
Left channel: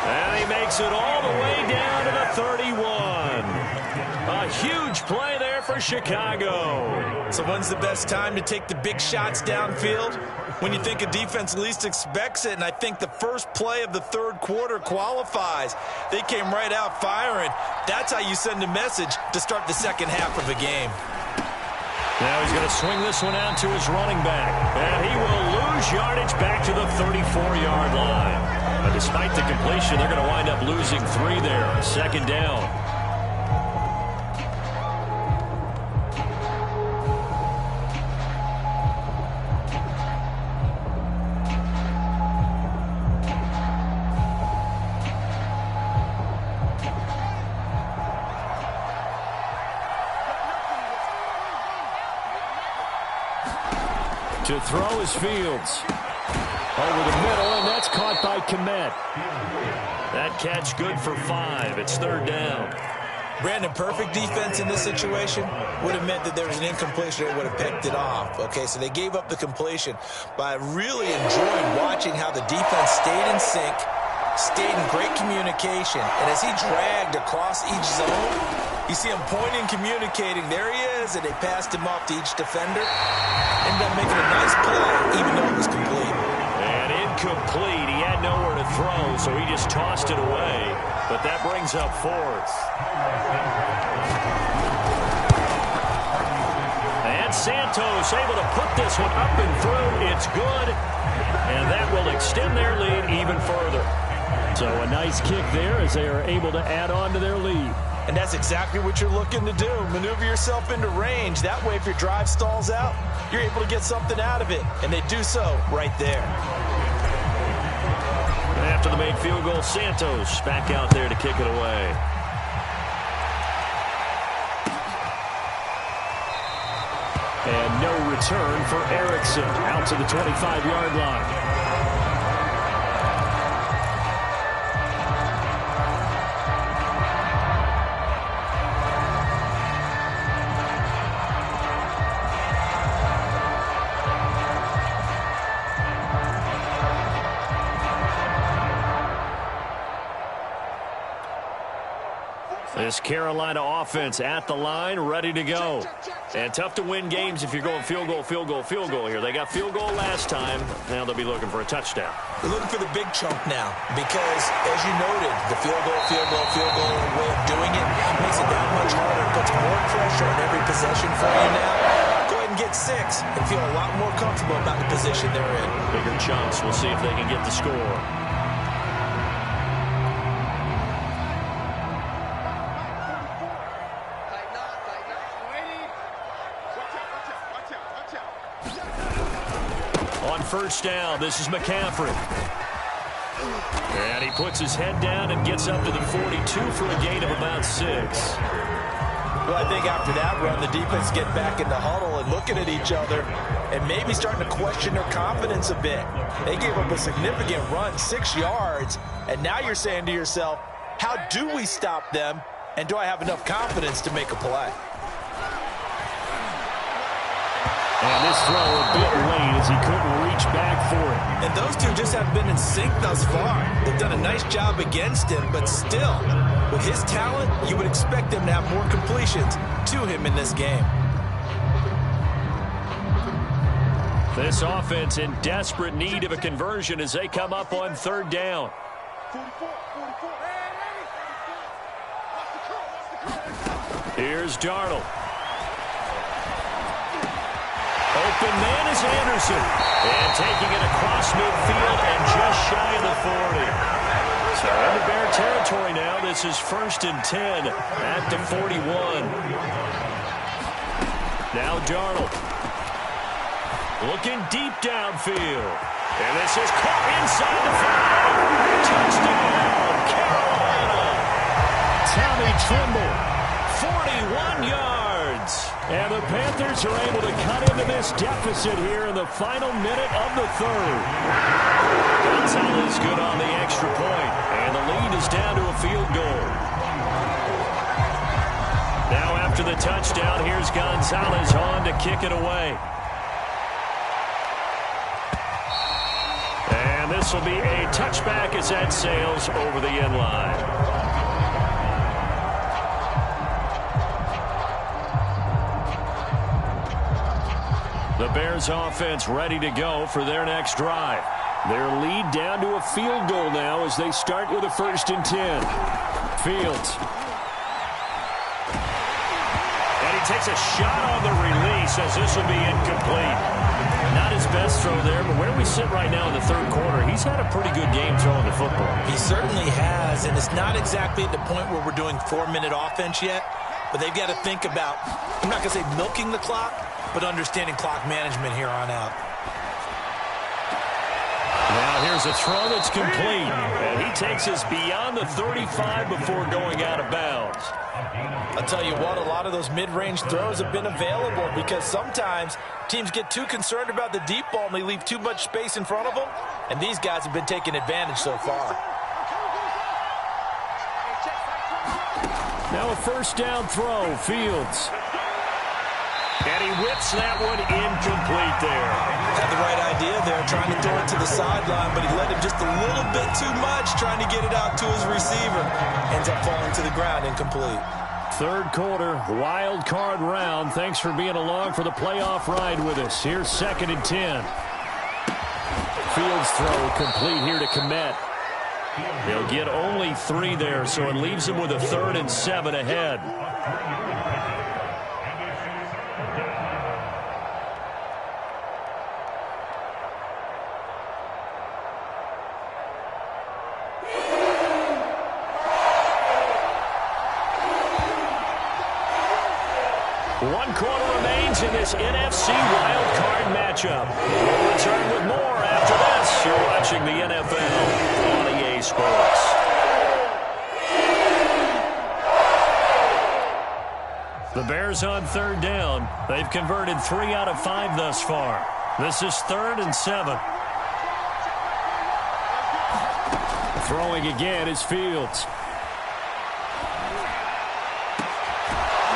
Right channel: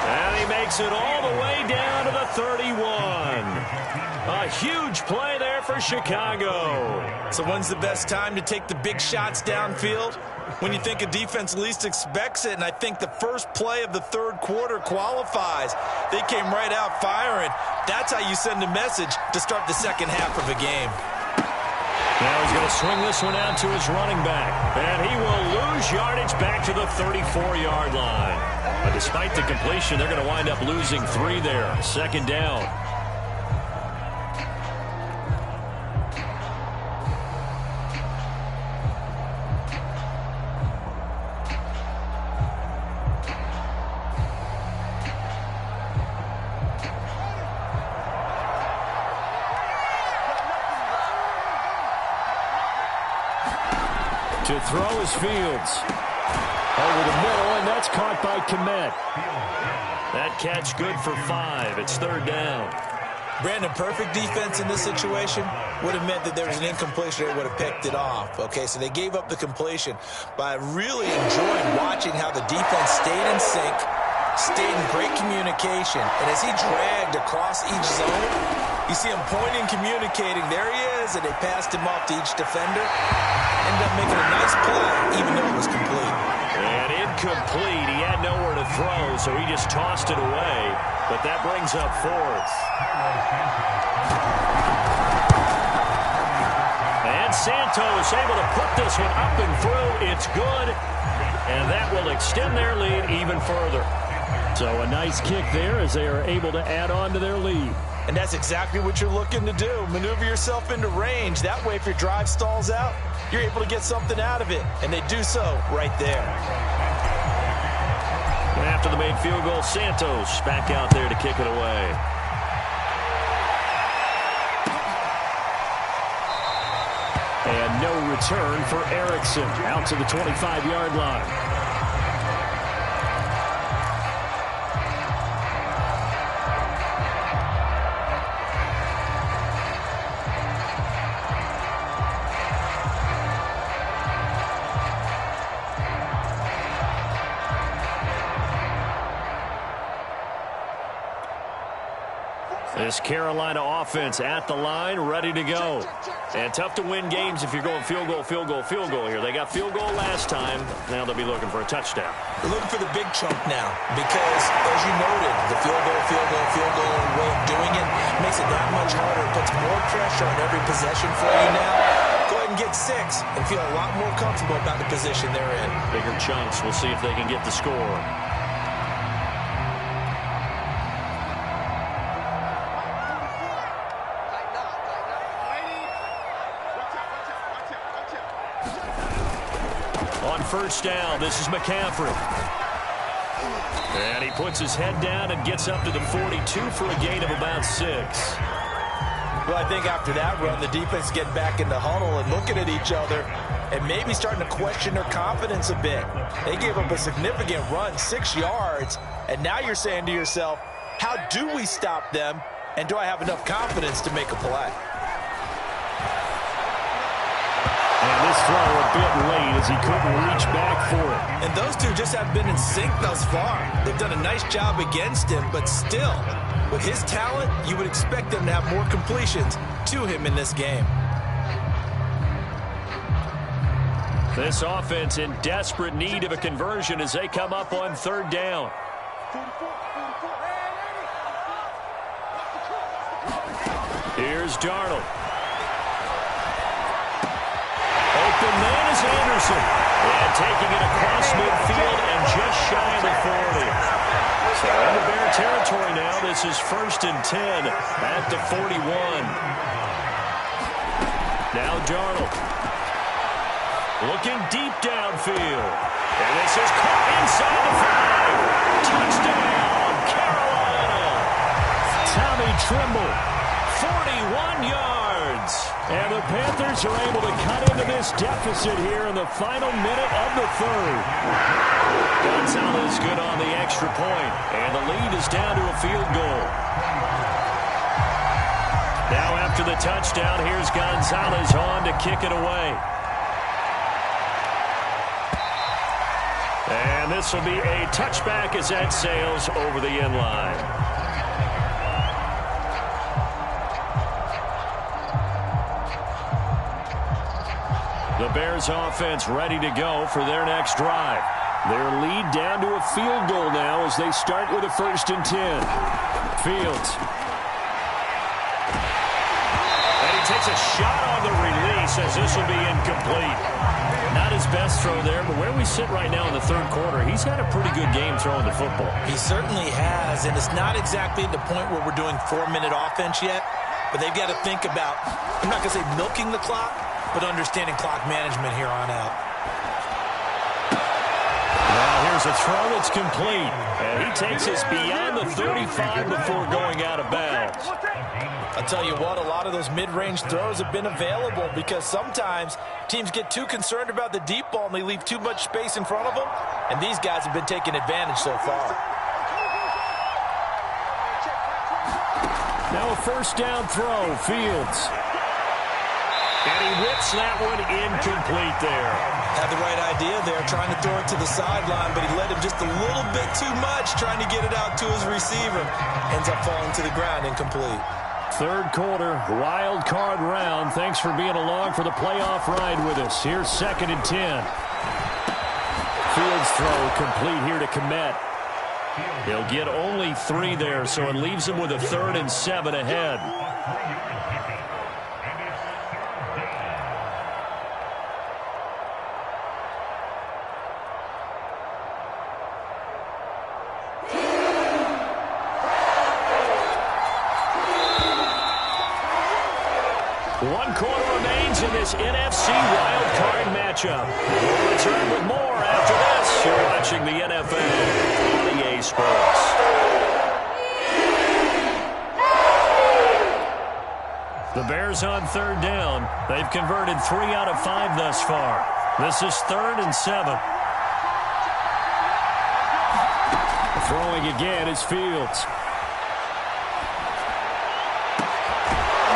And he makes it all the way down to the 31. A huge play there for Chicago. So when's the best time to take the big shots downfield? When you think a defense least expects it, and I think the first play of the 3rd quarter qualifies. They came right out firing. That's how you send a message to start the second half of a game. Now he's going to swing this one out to his running back. And he will lose yardage back to the 34-yard line. But despite the completion, they're going to wind up losing 3 there. 2nd down. To throw is Fields. Over the middle, and that's caught by Kmet. That catch good for 5. It's 3rd down. Brandon, perfect defense in this situation would have meant that there was an incompletion that would have picked it off. Okay, so they gave up the completion. But I really enjoyed watching how the defense stayed in sync, stayed in great communication. And as he dragged across each zone, you see him pointing, communicating. There he is, and they passed him off to each defender. Ended up making a nice play, even though it was complete. And incomplete. He had nowhere to throw, so he just tossed it away. But that brings up 4th. And Santos able to put this one up and through. It's good. And that will extend their lead even further. So a nice kick there as they are able to add on to their lead. And that's exactly what you're looking to do. Maneuver yourself into range. That way, if your drive stalls out, you're able to get something out of it. And they do so right there. And after the made field goal, Santos back out there to kick it away. And no return for Erickson out to the 25-yard line. This Carolina offense at the line, ready to go. And tough to win games if you're going field goal, field goal, field goal here. They got field goal last time. Now they'll be looking for a touchdown. They're looking for the big chunk now because, as you noted, the field goal way of doing it makes it that much harder. It puts more pressure on every possession for you now. Go ahead and get 6 and feel a lot more comfortable about the position they're in. Bigger chunks. We'll see if they can get the score. On 1st down, this is McCaffrey. And he puts his head down and gets up to the 42 for a gain of about 6. Well, I think after that run, the defense get back in the huddle and looking at each other and maybe starting to question their confidence a bit. They gave up a significant run, 6 yards, and now you're saying to yourself, how do we stop them, and do I have enough confidence to make a play? And this throw a bit late as he couldn't reach back for it. And those two just haven't been in sync thus far. They've done a nice job against him, but still, with his talent, you would expect them to have more completions to him in this game. This offense in desperate need of a conversion as they come up on third down. Here's Darnold. Open man is Anderson. And taking it across midfield and just shy of the 40. So into Bear territory now. This is 1st and 10 at the 41. Now Darnold. Looking deep downfield. And this is caught inside the 5. Touchdown, Carolina. Tommy Tremble, 41 yards. And the Panthers are able to cut into this deficit here in the final minute of the third. Gonzalez good on the extra point. And the lead is down to a field goal. Now after the touchdown, here's Gonzalez on to kick it away. And this will be a touchback as that sails over the end line. The Bears offense ready to go for their next drive. Their lead down to a field goal now as they start with a 1st and 10. Fields. And he takes a shot on the release as this will be incomplete. Not his best throw there, but where we sit right now in the third quarter, he's had a pretty good game throwing the football. He certainly has, and it's not exactly at the point where we're doing 4-minute offense yet, but they've got to think about, I'm not going to say milking the clock, but understanding clock management here on out. Now here's a throw that's complete, and he takes us beyond the 35 before going out of bounds. I'll tell you what, a lot of those mid-range throws have been available because sometimes teams get too concerned about the deep ball and they leave too much space in front of them, and these guys have been taking advantage so far. Now a 1st down throw, Fields. And he whips that one incomplete there. Had the right idea there, trying to throw it to the sideline, but he let him just a little bit too much, trying to get it out to his receiver. Ends up falling to the ground, incomplete. Third quarter, wild card round. Thanks for being along for the playoff ride with us. Here's 2nd and 10. Fields throw complete here to Kmet. He'll get only 3 there, so it leaves him with a 3rd and 7 ahead. One quarter remains in this NFC wild card matchup. We'll return with more after this. You're watching the NFL on EA Sports. The Bears on 3rd down. They've converted 3 out of 5 thus far. This is 3rd and 7. Throwing again is Fields.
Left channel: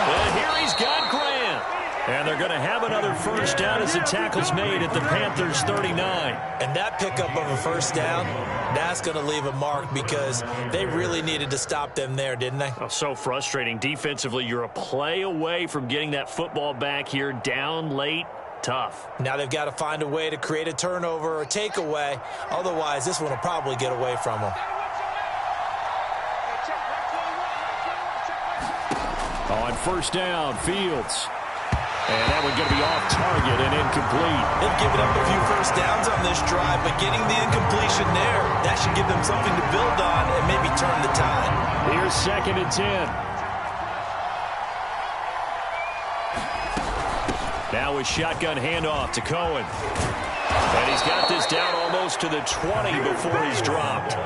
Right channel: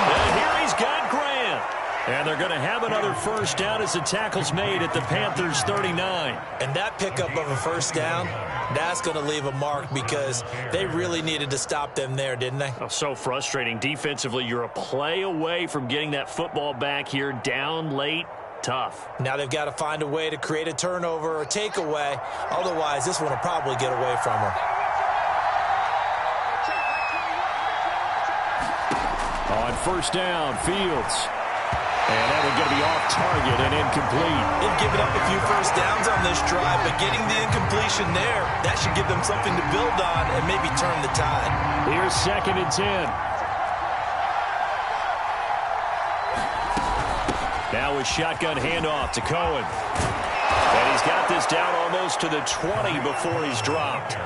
And here he's got Grant. And they're going to have another 1st down as the tackle's made at the Panthers' 39. And that pickup of a 1st down, that's going to leave a mark because they really needed to stop them there, didn't they? Oh, so frustrating. Defensively, you're a play away from getting that football back here down late. Tough. Now they've got to find a way to create a turnover or takeaway. Otherwise, this one will probably get away from them. On 1st down, Fields. And that one going to be off target and incomplete. They've given up a few 1st downs on this drive, but getting the incompletion there, that should give them something to build on and maybe turn the tide. Here's 2nd and 10. Now a shotgun handoff to Cohen. And he's got this down almost to the 20 before he's dropped.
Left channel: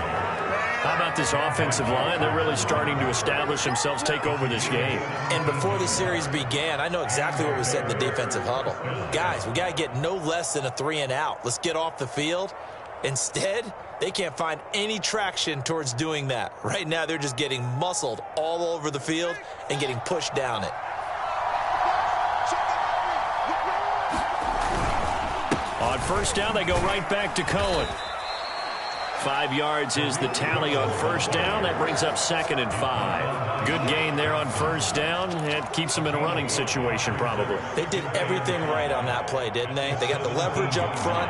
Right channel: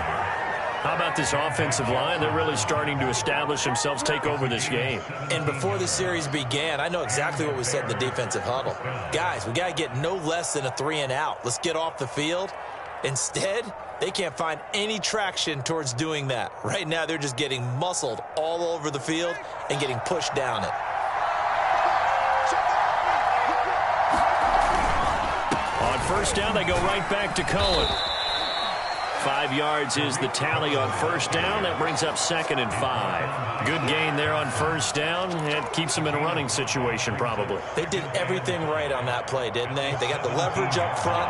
How about this offensive line? They're really starting to establish themselves, take over this game. And before the series began, I know exactly what was said in the defensive huddle. Guys, we got to get no less than a 3 and out. Let's get off the field. Instead, they can't find any traction towards doing that. Right now, they're just getting muscled all over the field and getting pushed down it. On 1st down, they go right back to Cohen. 5 yards is the tally on first down. That brings up 2nd and 5. Good gain there on first down. It keeps them in a running situation probably. They did everything right on that play, didn't they? They got the leverage up front,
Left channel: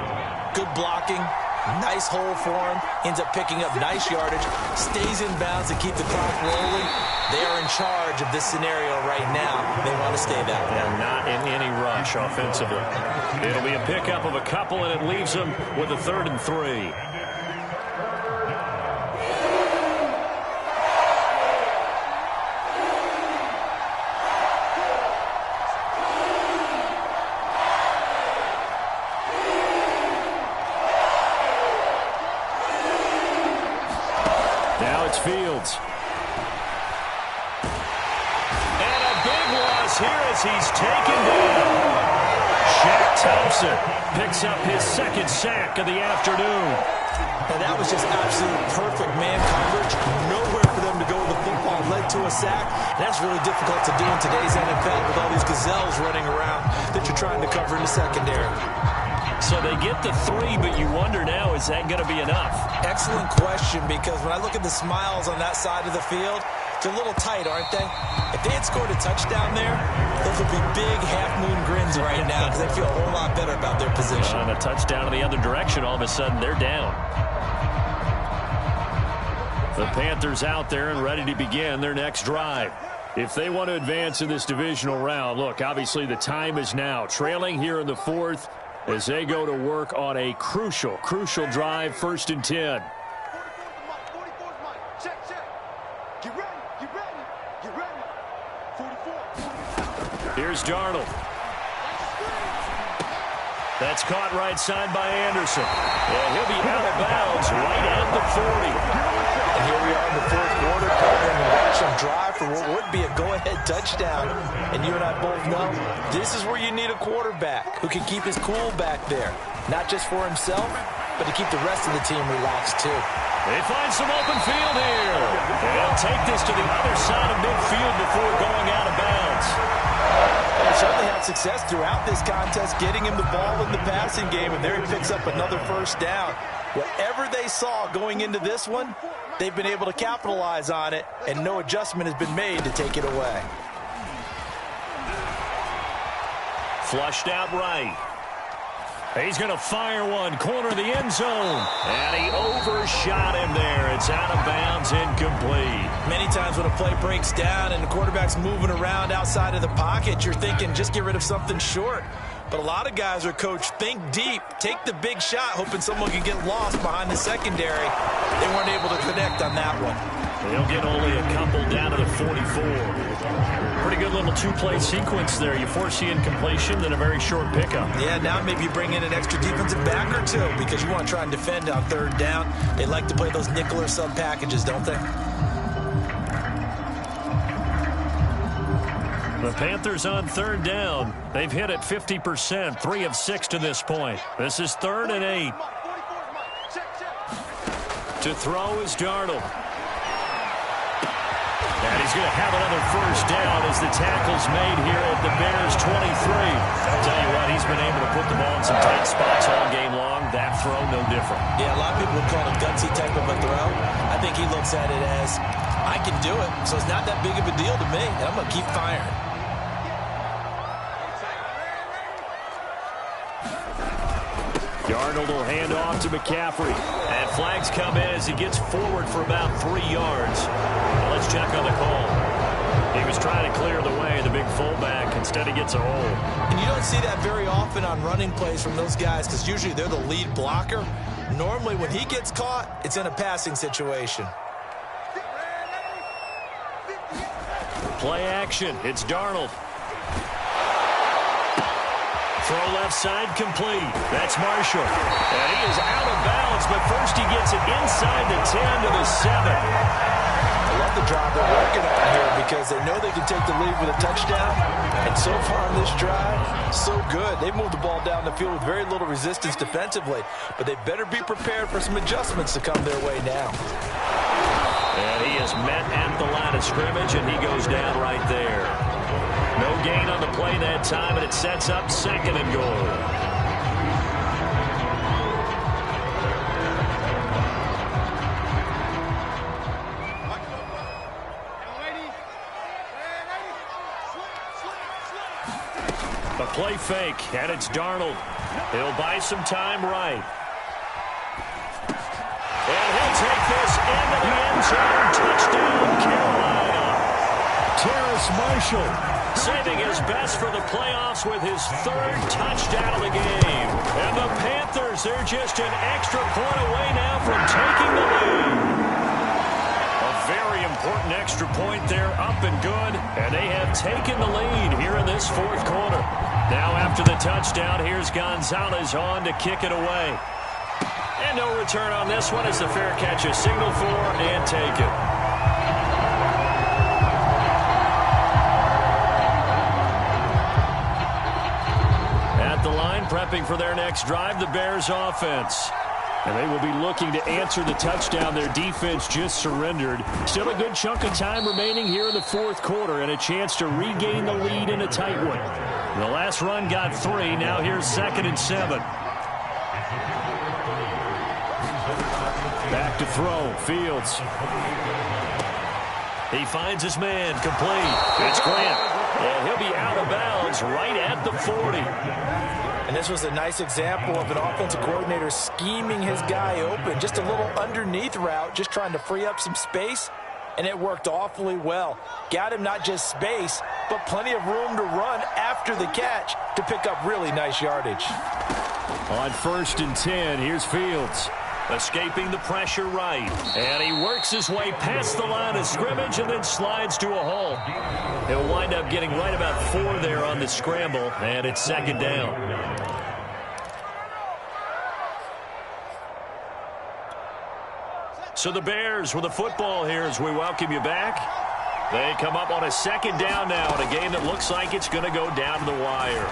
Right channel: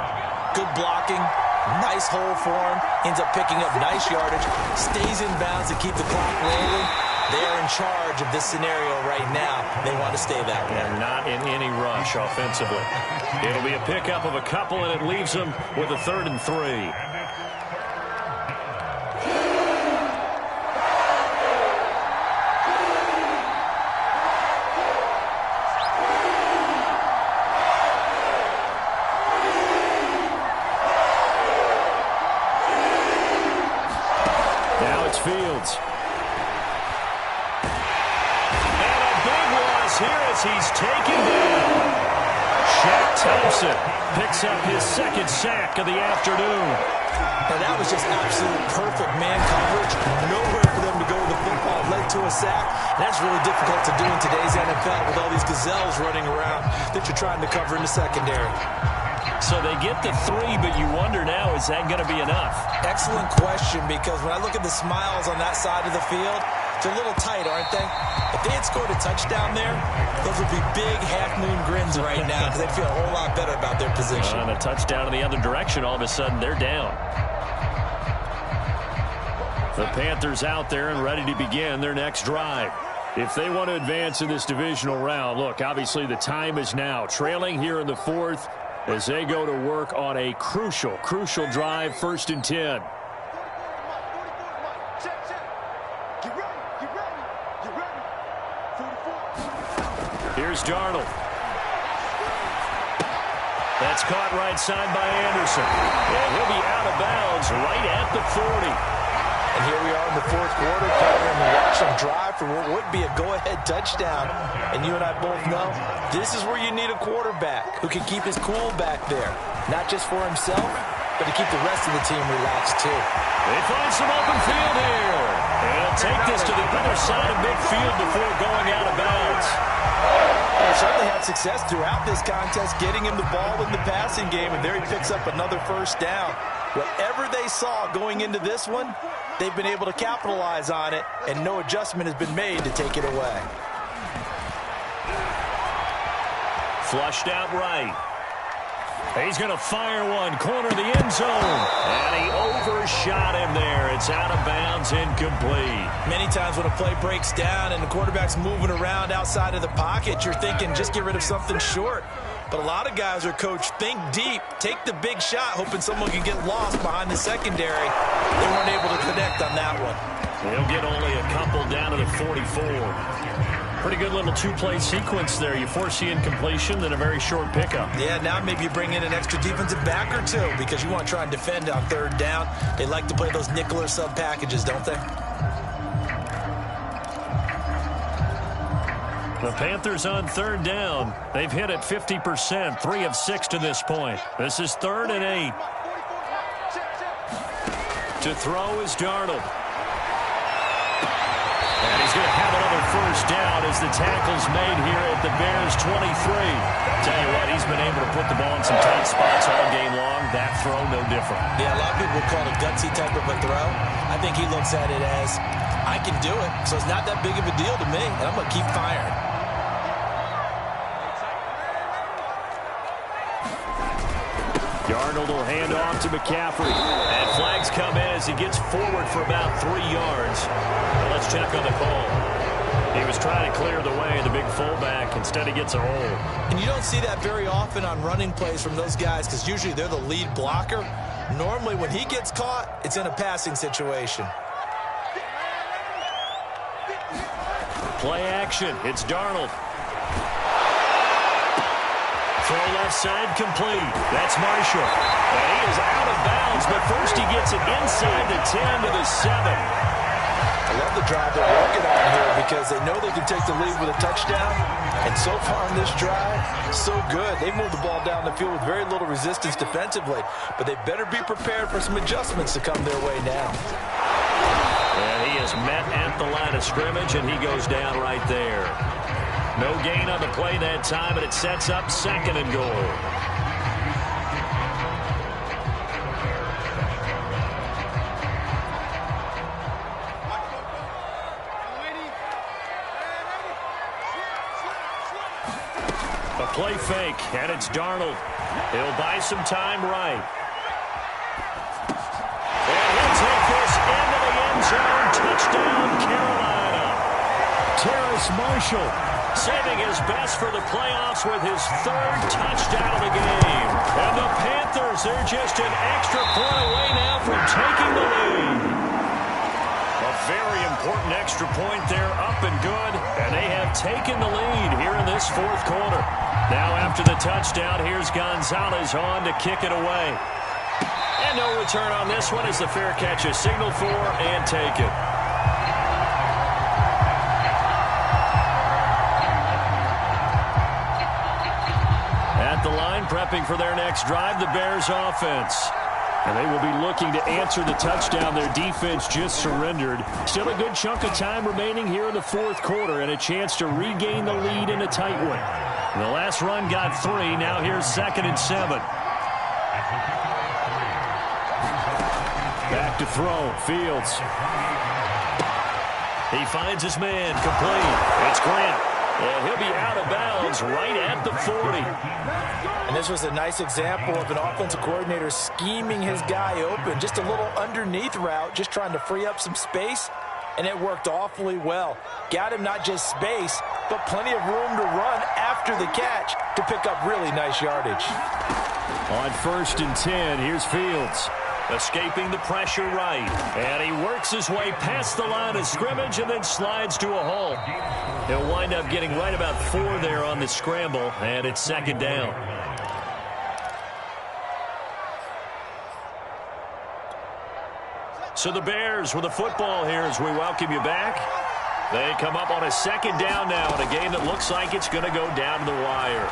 good blocking, nice hole for him, ends up picking up nice yardage, stays in bounds to keep the clock rolling. They are in charge of this scenario right now. They want to stay that way. And not in any rush offensively. It'll be a pickup of a couple, and it leaves them with a 3rd and 3. Now it's Fields. Here as he's taken down. Shaq Thompson picks up his 2nd sack of the afternoon. Now that was just absolute perfect man coverage. Nowhere for them to go with the football. Led to a sack. And that's really difficult to do in today's NFL with all these gazelles running around that you're trying to cover in the secondary. So they get the 3, but you wonder now, is that going to be enough? Excellent question, because when I look at the smiles on that side of the field, they're a little tight, aren't they? If they had scored a touchdown there, those would be big half-moon grins right now because they feel a whole lot better about their position. And a touchdown in the other direction, all of a sudden they're down. The Panthers out there and ready to begin their next drive. If they want to advance in this divisional round, look, obviously the time is now. Trailing here in the 4th as they go to work on a crucial drive, 1st and 10. Here's Darnold. That's caught right side by Anderson. And he'll be out of bounds right at the 40. And here we are in the 4th quarter, partner, and we watch them drive for what would be a go-ahead touchdown. And you and I both know this is where you need a quarterback who can keep his cool back there. Not just for himself, but to keep the rest of the team relaxed too. They find some open field here. And he'll take this to the other side of midfield before going out of bounds. They certainly had success throughout this contest, getting him the ball in the passing game, and there he picks up another 1st down. Whatever they saw going into this one, they've been able to capitalize on it, and no adjustment has been made to take it away. Flushed out right. He's going to fire one, corner of the end zone. And he overshot him there. It's out of bounds, incomplete. Many times when a play breaks down and the quarterback's moving around outside of the pocket, you're thinking just get rid of something short. But a lot of guys are coached, think deep, take the big shot, hoping someone can get lost behind the secondary. They weren't able to connect on that one. They'll get only a couple down to the 44. Pretty good little 2-play sequence there. You force the incompletion, then a very short pickup. Yeah, now maybe you bring in an extra defensive back or two because you want to try and defend on 3rd down. They like to play those nickel or sub packages, don't they? The Panthers on 3rd down. They've hit it 50%, 3 of 6 to this point. This is 3rd and 8. To throw is Darnold. And he's going to have another 1st down as the tackle's made here at the Bears' 23. Tell you what, he's been able to put the ball in some tight spots all game long. That throw, no different. Yeah, a lot of people would call it a gutsy type of a throw. I think he looks at it as, I can do it, so it's not that big of a deal to me, and I'm going to keep firing. Darnold will hand off to McCaffrey. And flags come in as he gets forward for about 3 yards. Now let's check on the call. He was trying to clear the way, the big fullback. Instead, he gets a hole. And you don't see that very often on running plays from those guys because usually they're the lead blocker. Normally, when he gets caught, it's in a passing situation. Play action. It's Darnold. Throw left side complete. That's Marshall. And he is out of bounds, but first he gets it inside the 10 to the 7. I love the drive they're working on here because they know they can take the lead with a touchdown. And so far on this drive, so good. They moved the ball down the field with very little resistance defensively, but they better be prepared for some adjustments to come their way now. And he is met at the line of scrimmage, and he goes down right there. No gain on the play that time, and it sets up 2nd and goal. Play fake, and it's Darnold. He'll buy some time right. And he'll take this into the end zone. Touchdown, Carolina. Terrace Marshall saving his best for the playoffs with his third touchdown of the game. And the Panthers, they're just an extra point away now from taking the lead. A very important extra point there, up and good. And they have taken the lead here in this fourth quarter. Now after the touchdown, here's Gonzalez on to kick it away. And no return on this one as the fair catch is signaled for and taken. At the line, prepping for their next drive, the Bears offense. And they will be looking to answer the touchdown their defense just surrendered. Still a good chunk of time remaining here in the fourth quarter and a chance to regain the lead in a tight one. The last run got 3. Now here's 2nd and 7. Back to throw. Fields. He finds his man. Complete. It's Grant. And he'll be out of bounds right at the 40. And this was a nice example of an offensive coordinator scheming his guy open. Just a little underneath route, just trying to free up some space. And it worked awfully well. Got him not just space, but plenty of room to run after the catch to pick up really nice yardage. On 1st and 10, here's Fields. Escaping the pressure right. And he works his way past the line of scrimmage and then slides to a hole. He'll wind up getting right about 4 there on the scramble, and it's 2nd down. So the Bears with the football here as we welcome you back. They come up on a 2nd down now in a game that looks like it's going to go down to the wire.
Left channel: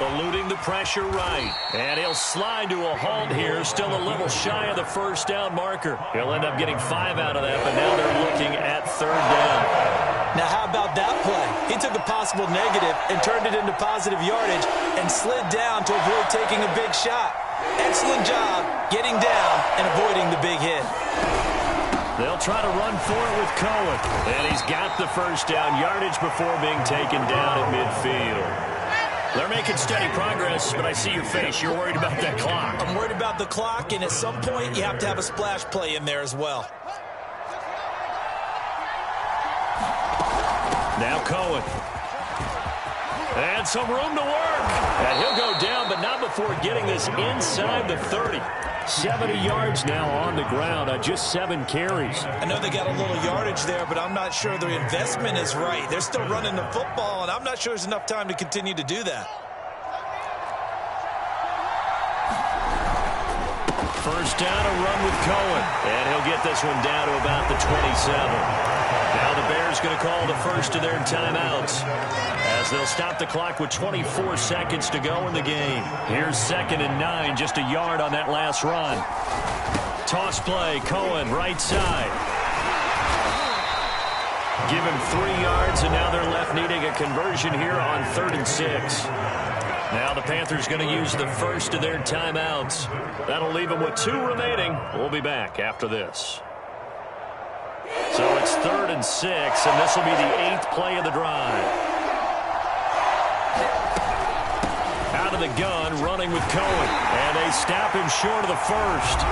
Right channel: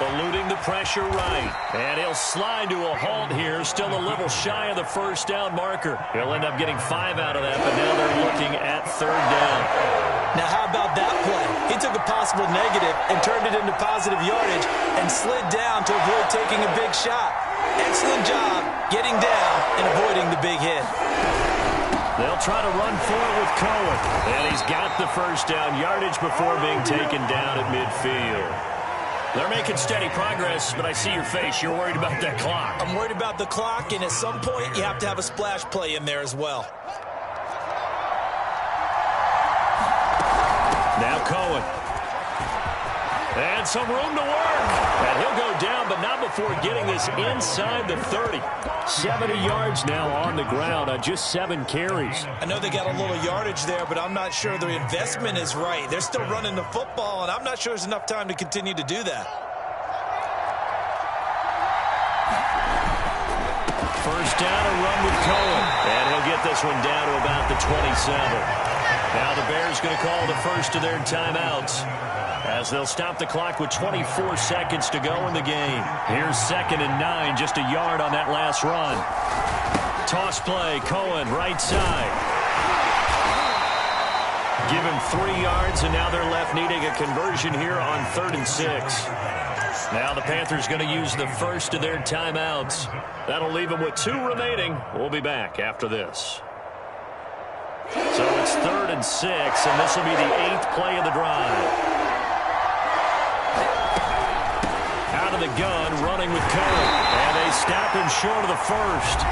Eluding the pressure right. And he'll slide to a halt here. Still a little shy of the 1st down marker. He'll end up getting 5 out of that, but now they're looking at 3rd down. Now how about that play? He took a possible negative and turned it into positive yardage and slid down to avoid taking a big shot. Excellent job getting down and avoiding the big hit. They'll try to run for it with Cohen. And he's got the 1st down yardage before being taken down at midfield. They're making steady progress, but I see your face. You're worried about that clock. I'm worried about the clock, and at some point, you have to have a splash play in there as well. Now Cohen. And some room to work. And he'll go down, but not before getting this inside the 30. 70 yards now on the ground on just 7 carries. I know they got a little yardage there, but I'm not sure the investment is right. They're still running the football, and I'm not sure there's enough time to continue to do that. 1st down, a run with Cohen. And he'll get this one down to about the 27. Now the Bears going to call the first of their timeouts as they'll stop the clock with 24 seconds to go in the game. Here's 2nd and 9, just a yard on that last run. Toss play, Cohen, right side. Give him 3 yards, and now they're left needing a conversion here on 3rd and 6. Now the Panthers going to use the first of their timeouts. That'll leave them with 2 remaining. We'll be back after this. So it's 3rd and 6, and this will be the 8th play of the drive. Out of the gun, running with Cohen. And they stop him short of the 1st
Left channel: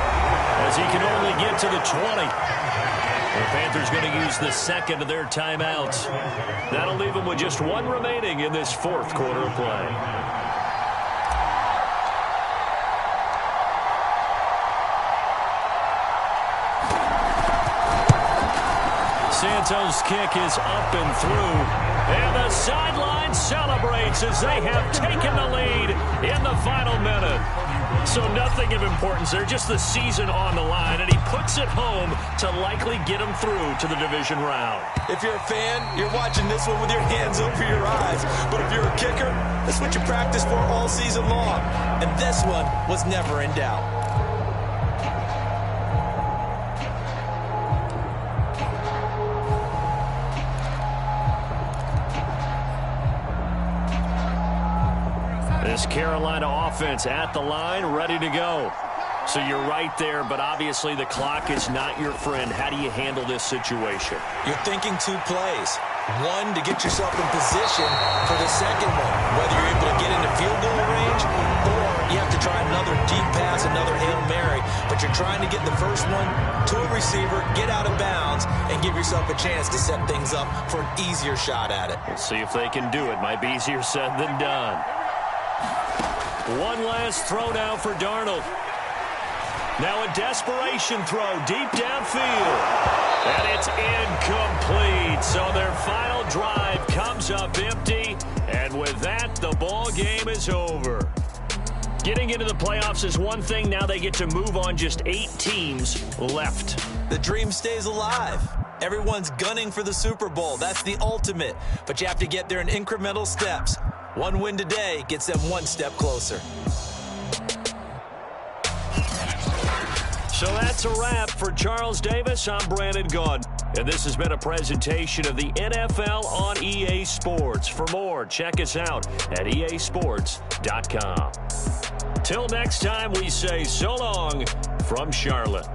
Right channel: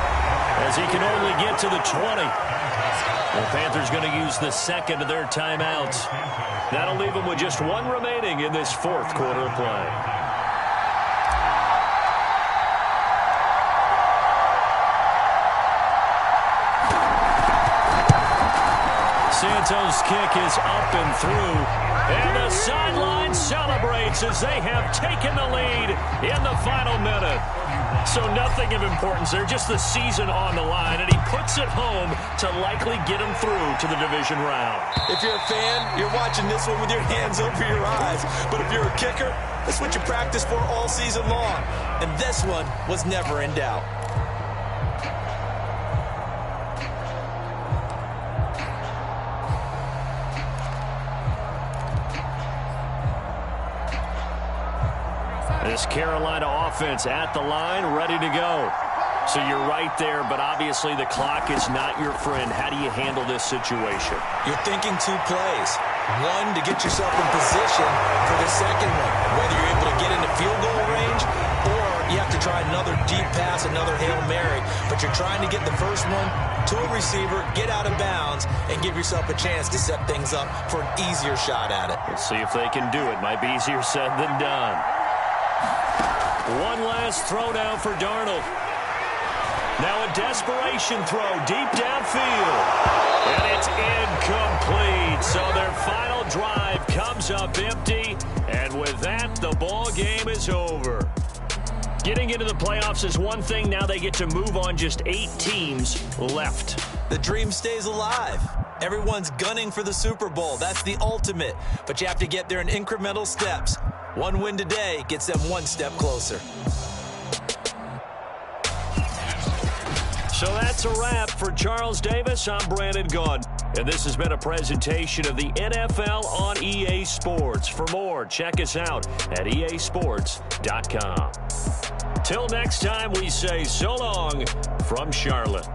as he can only get to the 20. The Panthers going to use the 2nd of their timeouts. That'll leave them with just 1 remaining in this 4th quarter of play. Santos' kick is up and through. And the sideline celebrates as they have taken the lead in the final minute. So nothing of importance there, just the season on the line. And he puts it home to likely get them through to the division round. If you're a fan, you're watching this one with your hands over your eyes. But if you're a kicker, that's what you practice for all season long. And this one was never in doubt. This Carolina offense at the line, ready to go. So you're right there, but obviously the clock is not your friend. How do you handle this situation? You're thinking 2 plays. One, to get yourself in position for the second one, whether you're able to get into field goal range or you have to try another deep pass, another Hail Mary, but you're trying to get the first one to a receiver, get out of bounds, and give yourself a chance to set things up for an easier shot at it. Let's see if they can do it. Might be easier said than done. One last throw now for Darnold. Now a desperation throw deep downfield. And it's incomplete. So their final drive comes up empty. And with that, the ball game is over. Getting into the playoffs is one thing. Now they get to move on. Just 8 teams left. The dream stays alive. Everyone's gunning for the Super Bowl. That's the ultimate. But you have to get there in incremental steps. One win today gets them one step closer. So that's a wrap for Charles Davis. I'm Brandon Gaudin. And this has been a presentation of the NFL on EA Sports. For more, check us out at easports.com. Till next time, we say so long from Charlotte.